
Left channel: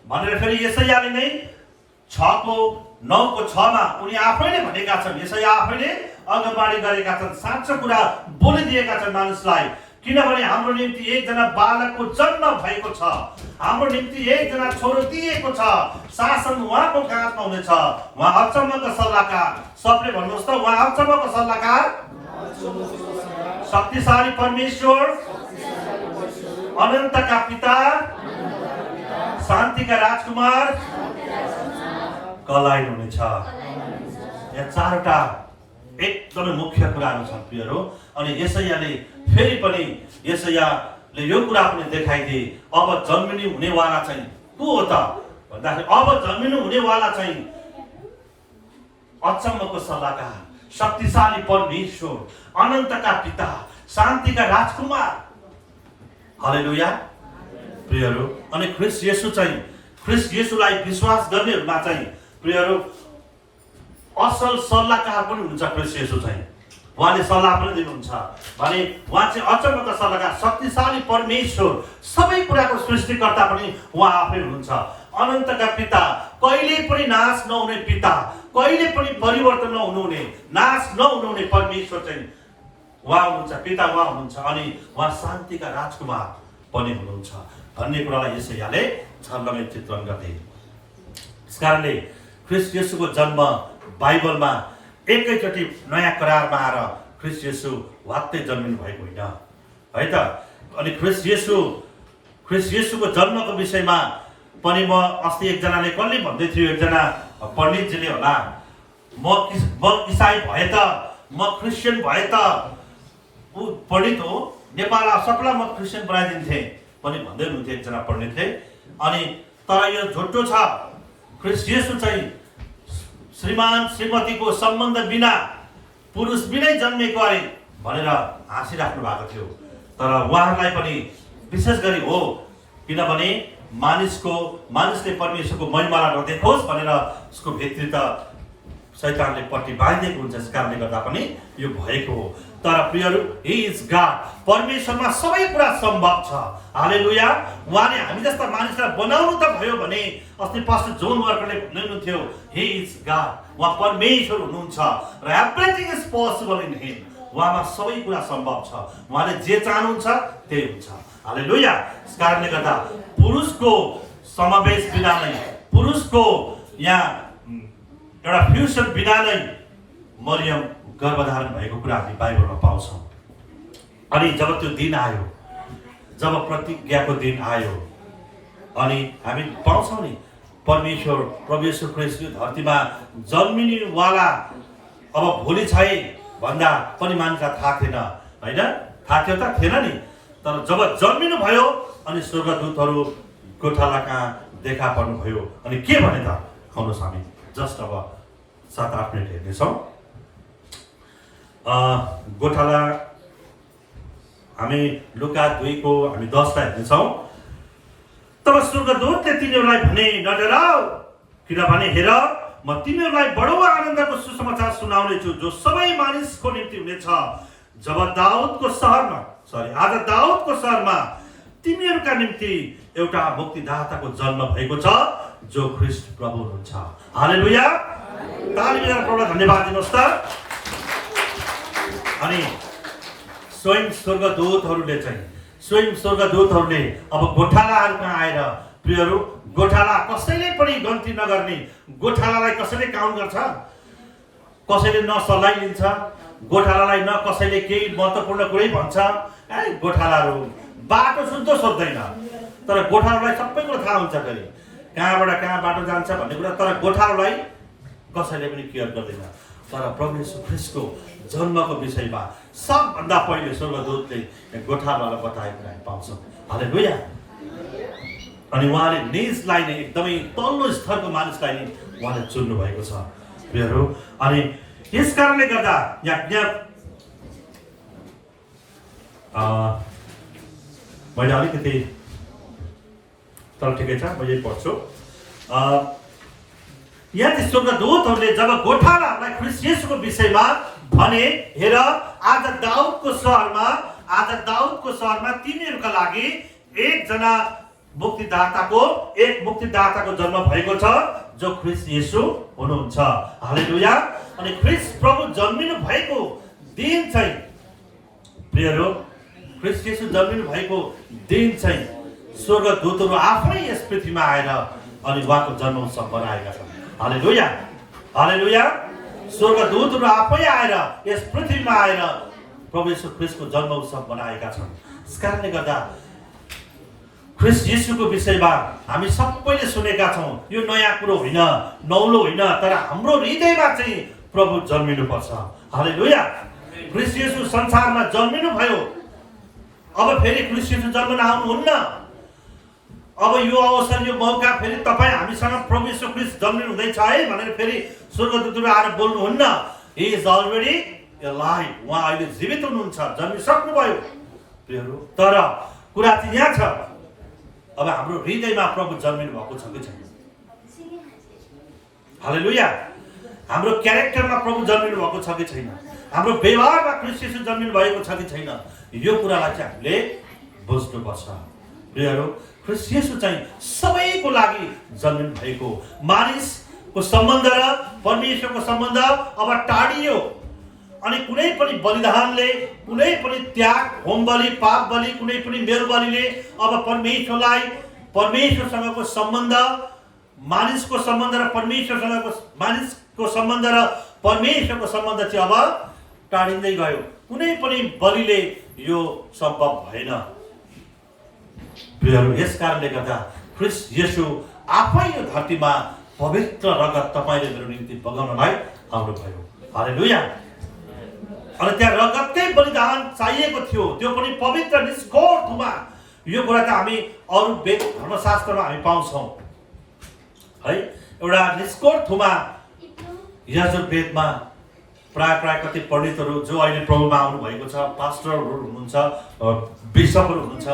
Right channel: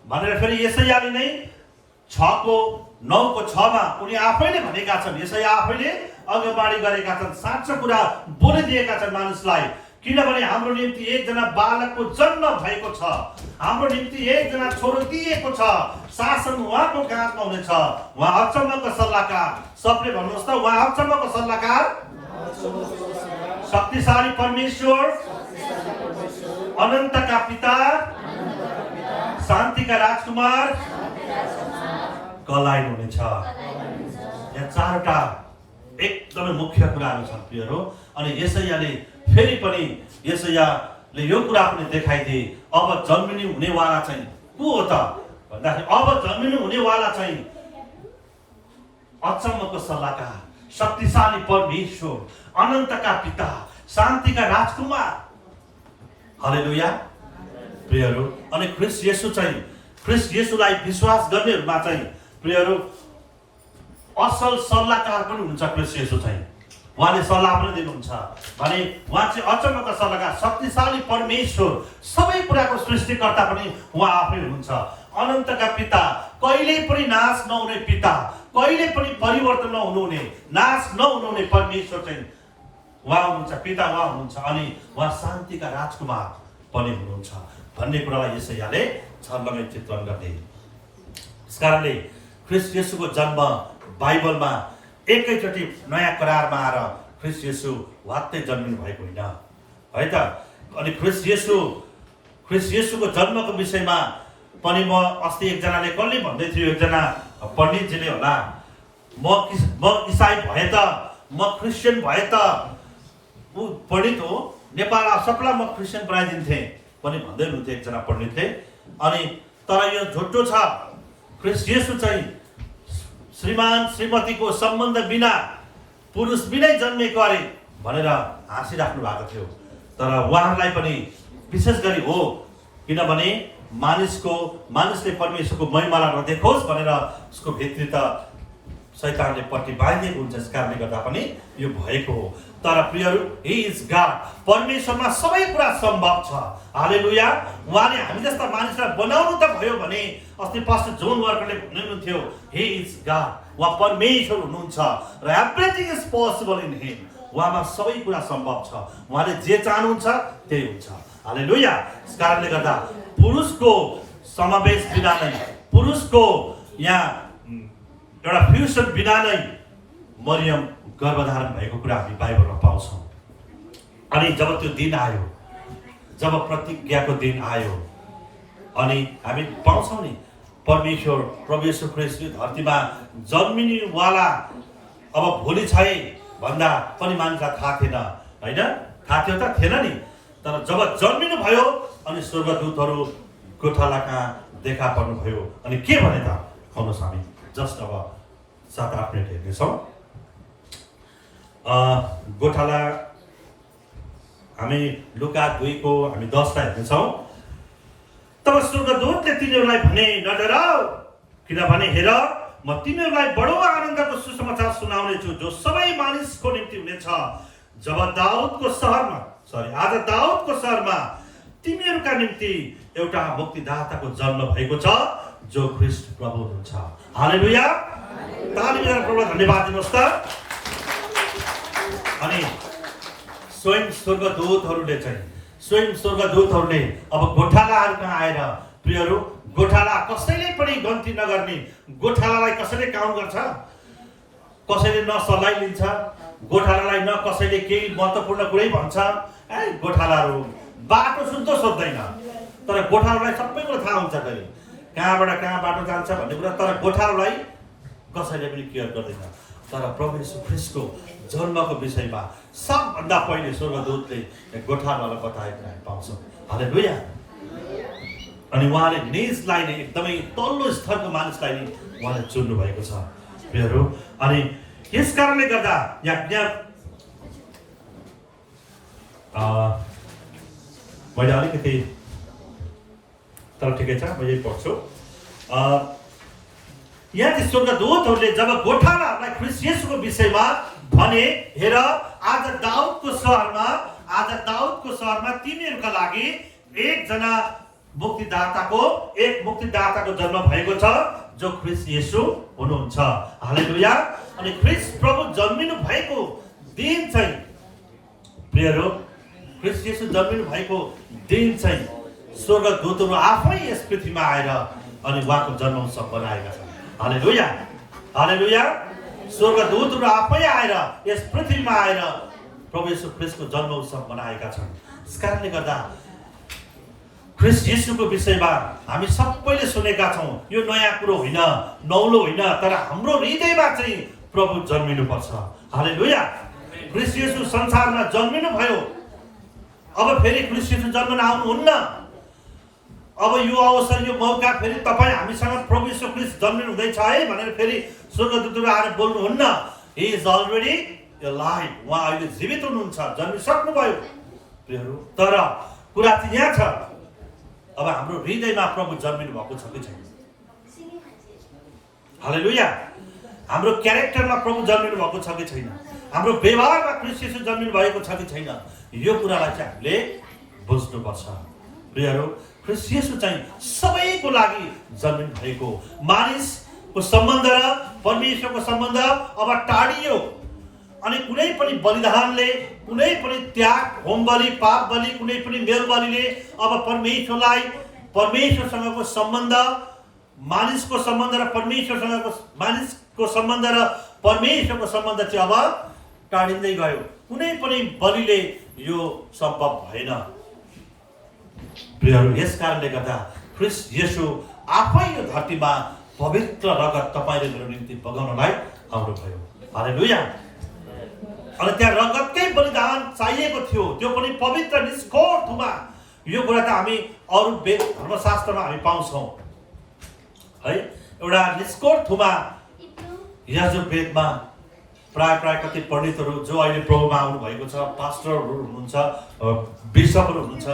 भनेर फेरि यशायाले नै 6:9-6 उनी आफैले भनेका छन्। यशाया आफैले अगमबानी गरेका छन्, साँचो कुरा बोलिदिएका छन् मानिसलाई। किनभने हाम्रो निम्ति एकजना बालकको जन्म भएको छ, हाम्रो निम्ति एकजना छोरो दिएको छ, शासन उहाँको काँधमा हुनेछ। उहाँ अचम्मको सल्लाहकार, सबले भन्नुहोस् त, उहाँ अचम्मको सल्लाहकार, शक्तिशाली परमेश्वर, अनन्तका पिता, शान्तिका राजकुमार कहलाइनु हुनेछ। यहाँ 4वटा एकदमै मुख्य कुराहरू छन् प्रियहरू। अनि यशायाले फेरि पनि यशायाले यो कुरा पनि देखाइदिए, अब जन्मिनु हुनेवाला चाहिँ को हो त भन्दाखेरि, अब जन्मिनु हुनेवाला चाहिँ अचम्मको सल्लाहकार, शक्तिशाली परमेश्वर, अनन्तका पिता, शान्तिका राजकुमार। हालेलुया प्रियहरू। अनि ख्रीष्ट येशू चाहिँ, ख्रीष्ट येशूलाई विश्वास गर्नेहरूमा चाहिँ प्रियहरू असल सल्लाहकार पनि हुन्छ। ख्रीष्ट येशू चाहिँ उहाँले सल्लाह पनि दिनुहुन्छ भने उहाँ चाहिँ अचम्मको सल्लाहकार, शक्तिशाली परमेश्वर, सबै कुराको सृष्टिकर्ता पनि उहाँ आफै हुनुहुन्छ। अनन्तका पिता, कहिले पनि नाश नहुने पिता, कहिले पनि परिवर्तन नहुनुहुने, नाश नहुनुहुने परमेश्वर चाहिँ उहाँ हुनुहुन्छ, पिता उहाँ हुनुहुन्छ। अनि उहाँ शान्तिका राजकुमार पनि हुनुहुन्छ भन्ने कुरालाई यशायाले छर्लङ्गै चित्रण गर्थे। त्यस कारणले ख्रीष्ट येशूको जन्म बाइबलमा एकैचोटि नयाँ करारमा आएर ख्रीष्ट येशू वात्तै जन्मिनु भएको होइन है त। अनि ख्रीष्ट येशूको जन्मको विषयमा पनि म अस्ति एकजनाले कसले भन्दै थियो, एकजना पण्डितजीले होला, म इसाई भए त, म क्रिस्चियन भए त, ऊ पण्डित हो, नेपाल सबलाई म क्रिस्चियन बनाइदिन्थेँ पनि भन्दै हुनुहुन्थ्यो एकजना पण्डितले। अनि तर यो झुटो छ। ख्रीष्ट येशू चाहिँ श्रीमान श्रीमतीको सम्बन्ध बिना, पुरुष बिनै जन्मेको अरे भनेर हाँसिराख्नु भएको थियो। तर उहाँहरूलाई पनि विशेष गरी हो, किनभने मानिसले परमेश्वरको महिमालाई नदेखोस् भनेर उसको भित्री त शैतानले पट्टी बाँधिदिएको हुन्छ। यस कारणले गर्दा पनि यो भएको हो। तर प्रियहरू, ही इज गॉड, परमेश्वरमा सबै कुरा सम्भव छ। हालेलुया। उहाँले हामी जस्ता मानिसलाई बनाउनु त भयो भने अस्ति पास्टर जोन वर्करले भन्नुहुन्थ्यो, ही इज गॉड, उहाँ परमेश्वर हुनुहुन्छ र everything is possible in him. उहाँमा सबै कुरा सम्भव छ। उहाँले जे चाहनुहुन्छ त्यही हुन्छ। हालेलुया। यस कारणले गर्दा पुरुषको समावेश बिना नै, पुरुषको यहाँ एउटा फ्युसन बिना नै मरियम गर्भधारण भएको कुरा हामी बाइबलमा पाउँछौँ। अनि जब त्यो दिन आयो, जब प्रतिज्ञाको दिन आयो, अनि हामी पाउँछौँ नि परमेश्वर प्रभु येशू ख्रीष्ट धरतीमा जन्मिनेवाला अब भोलि छ भन्दा पनि मानिसलाई थाहा थिएन होइन, थाहा थियो त थिएन नि। तर जब जन्मिनु भयो अनि स्वर्गदूतहरू गोठाला कहाँ देखा पर्नुभयो। अनि के भने त आउनुहोस् हामी जस्ट अब 7-8 मिनट हेर्नेछौँ। गोठाला हामी लुका 2 को हामी 10 लाई हेर्नेछौँ। तब स्वर्गदूतले तिनीहरूलाई भने, नडराऊ, किनभने हेर म तिमीहरूलाई बडो आनन्दको सुसमाचार सुनाउने छु जो सबै मानिसको निम्ति हुनेछ। आज दाउदको सहरमा तिमीहरूका निम्ति एउटा मुक्तिदाताको जन्म भएको छ जो ख्रीष्ट प्रभु हुनुहुन्छ। हालेलुया। ताली बजाएर प्रभुलाई धन्यवाद दिनुहोस् त। अनि स्वयं स्वर्गदूतहरूले अब गोठालाहरू कहाँ आएर, प्रियहरू, गोठाला कसैले पनि गन्ती नगर्ने, गोठालालाई कसैले काउन्ट गर्छ, कसैले न सल्लाह लिन्छ, गोठालालाई न कसैले केही महत्त्वपूर्ण कुरै भन्छ। गोठालाहरू बाटो सुन्द सोध्दैन, तर गोठालालाई सबै कुरा थाहा हुन्छ फेरि कहाँबाट कहाँ बाटो जान्छ भन्ने कुरा, तर गोठालालाई कसैले पनि केयर गर्दैन। तर प्रभु येशू ख्रीष्टको जन्मको विषयमा सबभन्दा पहिले स्वर्गदूतले गोठालालाई बताएको हामी पाउँछौँ। हालेलुया। अनि उहाँले निजलाई नै एकदमै तल्लो स्तरको मानिसलाई नै उहाँले चुन्नु भएको छ, प्रियहरू। अनि यस कारणले गर्दा मैले अलिकति, तर ठिकै छ, म यही पढ्छु। यहाँ चाहिँ स्वर्गदूतहरूले जब गोठालालाई ख्रीष्ट येशूको विषयमा भने, हेर आज दाउदको सहरमा तिमीहरूका लागि एक मुक्तिदाताको जन्म भएको छ जो ख्रीष्ट येशू हुनुहुन्छ। हालेलुया। अनि ख्रीष्ट प्रभु जन्मिनु भएको दिन चाहिँ, प्रियहरू, ख्रीष्ट येशू जन्मिनु भएको दिन चाहिँ स्वर्गदूतहरू आफै यस पृथ्वीमा आएर अनि उहाँको जन्म उत्सव मनाएका छन्। हालेलुया। हालेलुया। स्वर्गदूतहरू आफै आएर यस पृथ्वीमा आएर प्रभु येशू ख्रीष्टको जन्म उत्सव मनाएका छन्। यस कारणले गर्दा ख्रीष्ट येशूको विषयमा हामी सबैले सुनेका छौँ। यो नयाँ कुरो होइन, नौलो होइन, तर हाम्रो हृदयमा चाहिँ प्रभु जन्मिनुपर्छ। हालेलुया। ख्रीष्ट येशू संसारमा जन्मिनु भयो, अब फेरि ख्रीष्ट येशू जन्मन आउनुहुन्न। अब यो अवसर, यो मौका फेरि तपाईँ हामीसँग प्रभु येशू ख्रीष्ट जन्मिनु हुँदैछ है भनेर फेरि स्वर्गदूतहरू आएर बोल्नुहुन्न। He is already alive. उहाँ अहिले जीवित हुनुहुन्छ, जन्मिसक्नुभयो, प्रियहरू। तर कुरा चाहिँ यहाँ छ, अब हाम्रो हृदयमा प्रभु जन्मिनु भएको छ कि छैन? हालेलुया। हाम्रो क्यारेक्टरमा प्रभु जन्मिनु भएको छ कि छैन? हाम्रो व्यवहारमा ख्रीष्ट येशू जन्मिनु भएको छ कि छैन? यो कुरालाई चाहिँ हामीले बुझ्नुपर्छ, प्रियहरू। ख्रीष्ट येशू चाहिँ सबैको लागि जन्मिनु भएको। मानिसको सम्बन्ध र परमेश्वरको सम्बन्ध अब टाढियो। अनि कुनै पनि बलिदानले, कुनै पनि त्याग, होम बलि, पाप बलि, कुनै पनि मेल बलिले अब परमेश्वरसँगको सम्बन्ध, मानिसको सम्बन्ध र मानिसको सम्बन्ध र परमेश्वरको सम्बन्ध चाहिँ अब टाढिँदै गयो। कुनै पनि बलिले यो सम्भव भएन, प्रियहरू। यस कारणले गर्दा ख्रीष्ट येशू आफै यो धरतीमा पवित्र रगत तपाईँले मेरो निम्ति बगाउनलाई आउनुभयो। हालेलुया। अनि त्यहाँ रगतकै बलिदान चाहिएको थियो, त्यो पनि पवित्र निष्कोर थुमा। यो कुरा त हामी अरू वेद धर्मशास्त्रमा हामी पाउँछौँ है। एउटा निष्कोर थुमा यजुर्वेदमा प्राय कति पण्डितहरू जो अहिले प्रभुमा आउनु भएको छ, पास्टरहरू हुनुहुन्छ, बिशपहरू हुनुहुन्छ,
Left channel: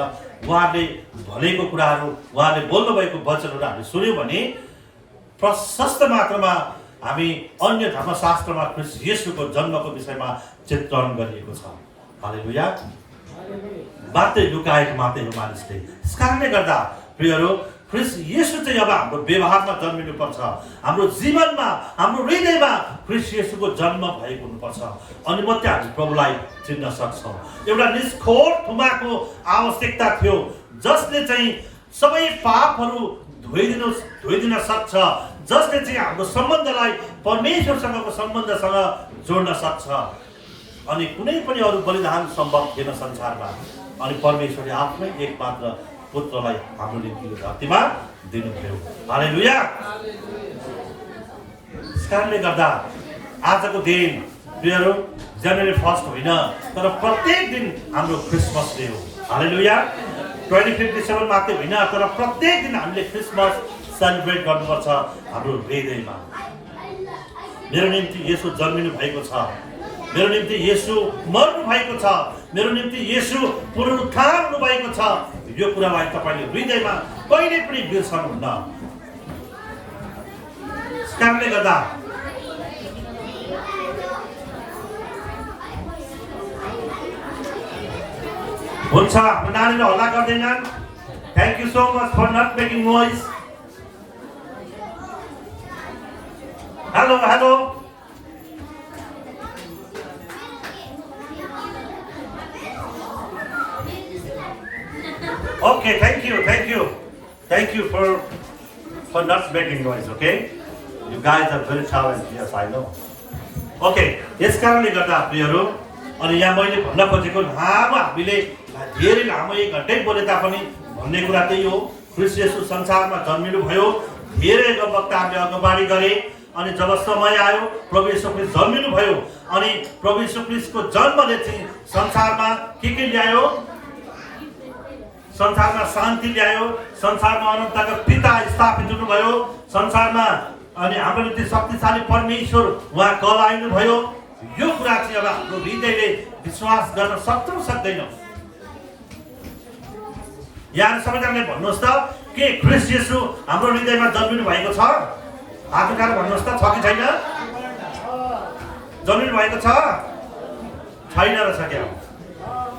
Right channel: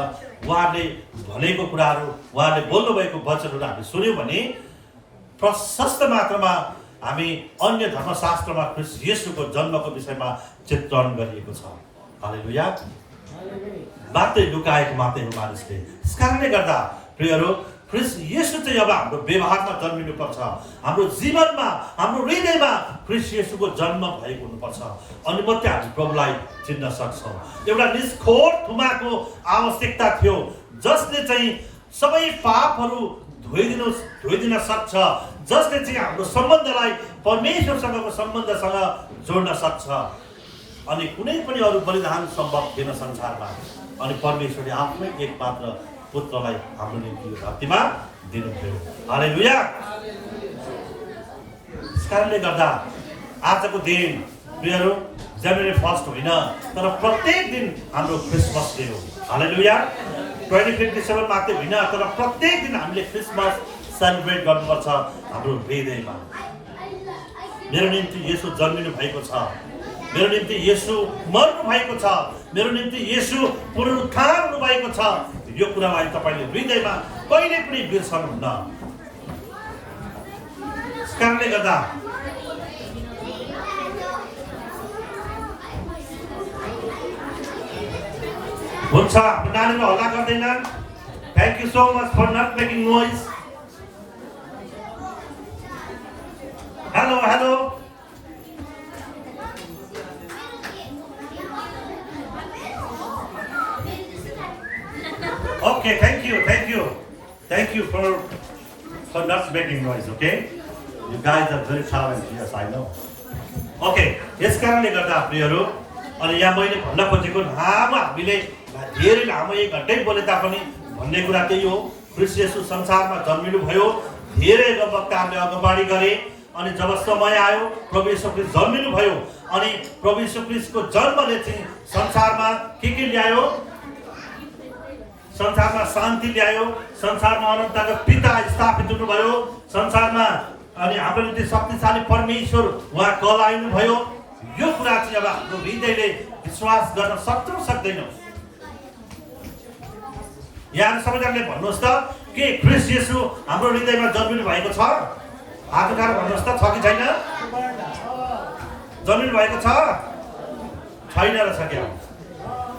उहाँहरूले भनेको कुराहरू, उहाँहरूले बोल्नुभएको वचनहरू हामी सुन्यौँ भने प्रशस्त मात्रामा हामी अन्य धर्मशास्त्रमा ख्रीष्ट येशूको जन्मको विषयमा चित्रण गरिएको छ। हालेलुया। मात्रै लुकाएको मात्रै हो मानिसले। यस कारणले गर्दा प्रियहरू, ख्रीष्ट येशू चाहिँ अब हाम्रो व्यवहारमा जन्मिनुपर्छ, हाम्रो जीवनमा, हाम्रो हृदयमा ख्रीष्ट येशूको जन्म भएको हुनुपर्छ। अनि मात्रै हामी प्रभुलाई चिन्न सक्छौँ। एउटा निष्कोर थुमाको आवश्यकता थियो जसले चाहिँ सबै पापहरू धोइदिन सक्छ, जसले चाहिँ हाम्रो सम्बन्धलाई परमेश्वरसँगको सम्बन्धसँग जोड्न सक्छ। अनि कुनै पनि अरू बलिदान सम्भव थिएन संसारमा। अनि परमेश्वरले आफ्नै एकमात्र पुत्रलाई हाम्रो निम्ति यो धरतीमा दिनुभयो। हालेलुया। यस कारणले गर्दा आजको दिन प्रियहरू जनवरी 1 होइन, तर प्रत्येक दिन हाम्रो क्रिसमस डे हो। हालेलुया। 25 डिसेम्बर मात्रै होइन, तर प्रत्येक दिन हामीले क्रिसमस सेलिब्रेट गर्नुपर्छ हाम्रो हृदयमा। मेरो निम्ति येशू जन्मिनु भएको छ, मेरो निम्ति येशू मर्नु भएको छ, मेरो निम्ति येशू पुनरुत्थान हुनु भएको छ। यो कुरालाई तपाईँले हृदयमा कहिले पनि बिर्सनुहुन्न। त्यस कारणले गर्दा हुन्छ, हाम्रो नानीले हल्ला गर्दैनन्। Thank you so much for not making noise. Hello hello, okay, thank you for not making noise, okay? You guys are very talented, yes, I know. Okay, यस कारणले गर्दा प्रियहरू, अनि यहाँ मैले भन्न खोजेको लामो हामीले धेरै लामो 1 घण्टै बोले तापनि भन्ने कुरा त्यही हो। ख्रीष्ट येशू संसारमा जन्मिनु भयो, धेरै वक्ताहरूले अगुवानी गरे, अनि जब समय आयो प्रभु येशू ख्रीष्ट जन्मिनु भयो, अनि प्रभु येशू ख्रीष्टको जन्मले चाहिँ संसारमा के ल्यायो? संसारमा शान्ति ल्यायो, संसारमा अनन्तका पिता स्थापित हुनुभयो, संसारमा अनि हाम्रो निम्ति शक्तिशाली परमेश्वर उहाँ कहलाइनु भयो। यो कुरा चाहिँ अब हाम्रो हृदयले विश्वास गर्न सक्छ सक्दैन? यहाँ सबैजनाले भन्नुहोस् त, के ख्रीष्ट येशू हाम्रो हृदयमा जन्मिनु भएको छ? हात उठाएर भन्नुहोस् त, छ कि छैन? जन्मिनु भएको छ? छैन रहेछ क्या?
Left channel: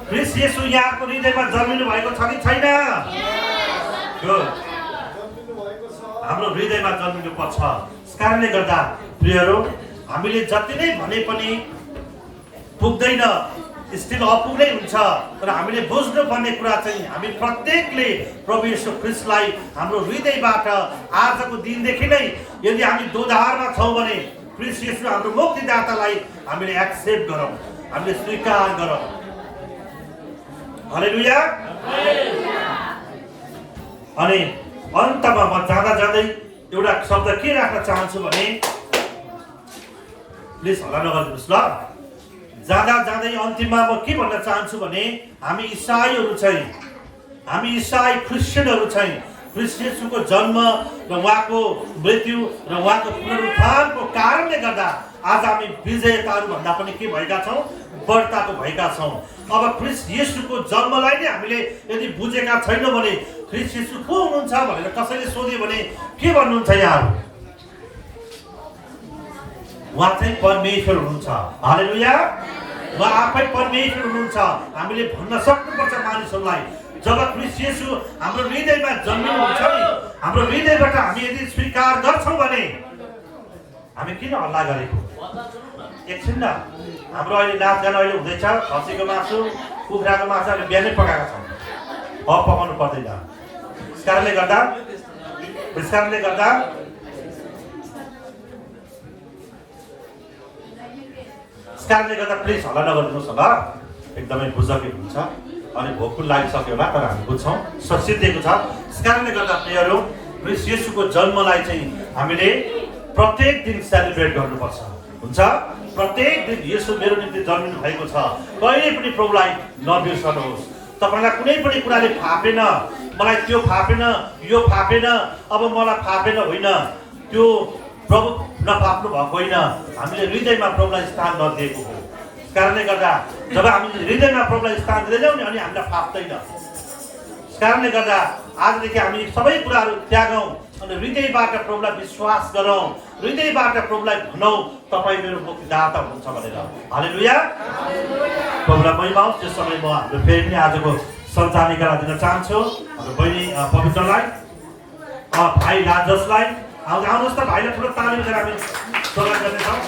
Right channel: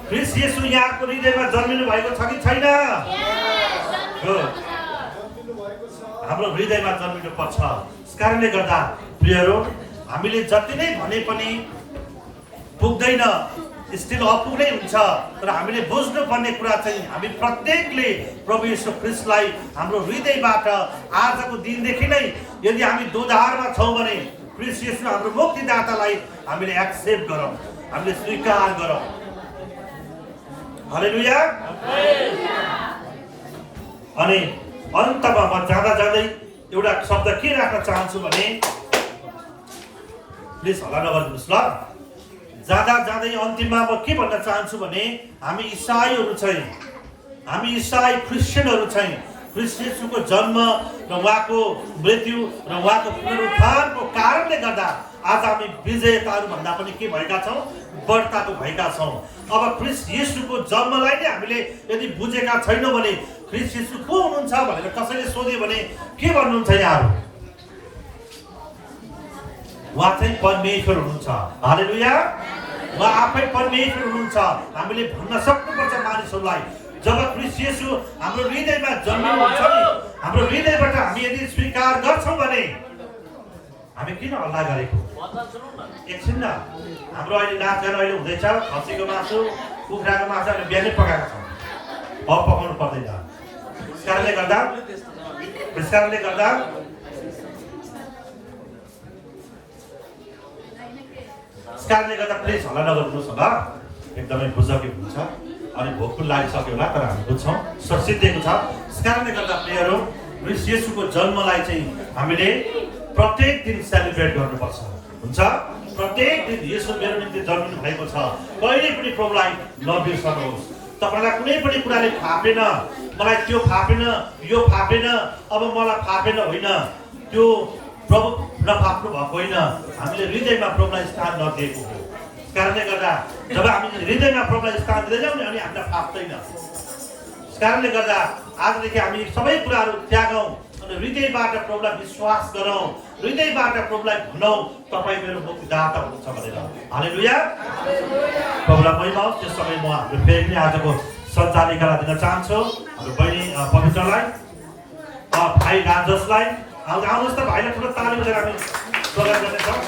ख्रीष्ट येशू यहाँको हृदयमा जन्मिनु भएको छ कि छैन? हाम्रो हृदयमा जन्मिनु पर्छ। त्यस कारणले गर्दा प्रियहरू, हामीले जति नै भने पनि पुग्दैन, स्टिल अपुग्नै हुन्छ। तर हामीले बुझ्नुपर्ने कुरा चाहिँ हामी प्रत्येकले प्रभु येशू ख्रीष्टलाई हाम्रो हृदयबाट आजको दिनदेखि नै यदि हामी दोधारमा छौँ भने ख्रीष्ट येशू हाम्रो मुक्तिदातालाई हामीले एक्सेप्ट गरौँ, हामीले स्वीकार गरौँ। हालेलुया। अनि अन्तमा म जाँदै एउटा शब्द के राख्न चाहन्छु भने, प्लिज हल्ला नगरिदिनुहोस् ल। जाँदै अन्तिममा म के भन्न चाहन्छु भने, हामी इसाईहरू चाहिँ, हामी इसाई क्रिस्चियनहरू चाहिँ ख्रीष्ट येशूको जन्म र उहाँको मृत्यु र उहाँको पुनरुत्थानको कारणले गर्दा आज हामी विजेताहरू भन्दा पनि के भएका छौँ? बढ्ताको भएका छौँ। अब ख्रीष्ट येशूको जन्मलाई नै हामीले यदि बुझेका छैनौँ भने ख्रीष्ट येशू को हुनुहुन्छ भनेर कसैले सोध्यो भने के भन्नुहुन्छ यहाँहरू? उहाँ चाहिँ परमेश्वर हुनुहुन्छ। हालेलुया। उहाँ आफै परमेश्वर हुनुहुन्छ। हामीले भन्न सक्नुपर्छ मानिसहरूलाई, जब ख्रीष्ट येशू हाम्रो हृदयमा जन्मिनुहुन्छ नि, हाम्रो हृदयबाट हामी यदि स्वीकार गर्छौँ भने हामी किन हल्ला गरेको? एकछिन न, हाम्रो अहिले नाचगान अहिले हुँदैछ, खसीको मासु, कुखुराको मासु अहिले बिहानै पकाएका छौँ, अब पकाउनु पर्दैन। त्यस कारणले गर्दा प्लिज हल्ला नगरिदिनुहोस् होला, एकदमै बुझकी हुन्छ। अनि भोक पनि लागिसक्यो होला, तर हामी बुझ्छौँ, सिद्धिएको छ। त्यस कारणले गर्दा प्रियहरू, ख्रीष्ट येशूको जन्मलाई चाहिँ हामीले प्रत्येक दिन सेलिब्रेट गर्नुपर्छ, हुन्छ? प्रत्येक दिन येशू मेरो निम्ति जन्मिनु भएको छ। कहिले पनि प्रभुलाई नबिर्सनुहोस्। तपाईँलाई कुनै पनि कुराले फापेन, मलाई त्यो फापेन, यो फापेन, अब मलाई फापेन होइन, त्यो प्रभु नफाप्नु भएको होइन, हामीले हृदयमा प्रभुलाई स्थान नदिएको हो। त्यस कारणले गर्दा जब हामी हृदयमा प्रभुलाई स्थान दिँदैनौँ नि, अनि हामीलाई फाप्दैन। त्यस कारणले गर्दा आजदेखि हामी सबै कुराहरू त्यागौँ अनि हृदयबाट प्रभुलाई विश्वास गरौँ, हृदयबाट प्रभुलाई भनौँ तपाईँ मेरो मुक्तिदाता हुनुहुन्छ भनेर। हालेलुया। प्रभुलाई महिमा होस्। त्यस समय म हाम्रो फेरि पनि आजको सञ्चालिकालाई दिन चाहन्छु, हाम्रो बहिनी पवित्रलाई, भाइ राजसलाई। आउनुहोस् त, भाइले ठुलो ताली बजाएर हामी स्वागत गर्नेछौँ।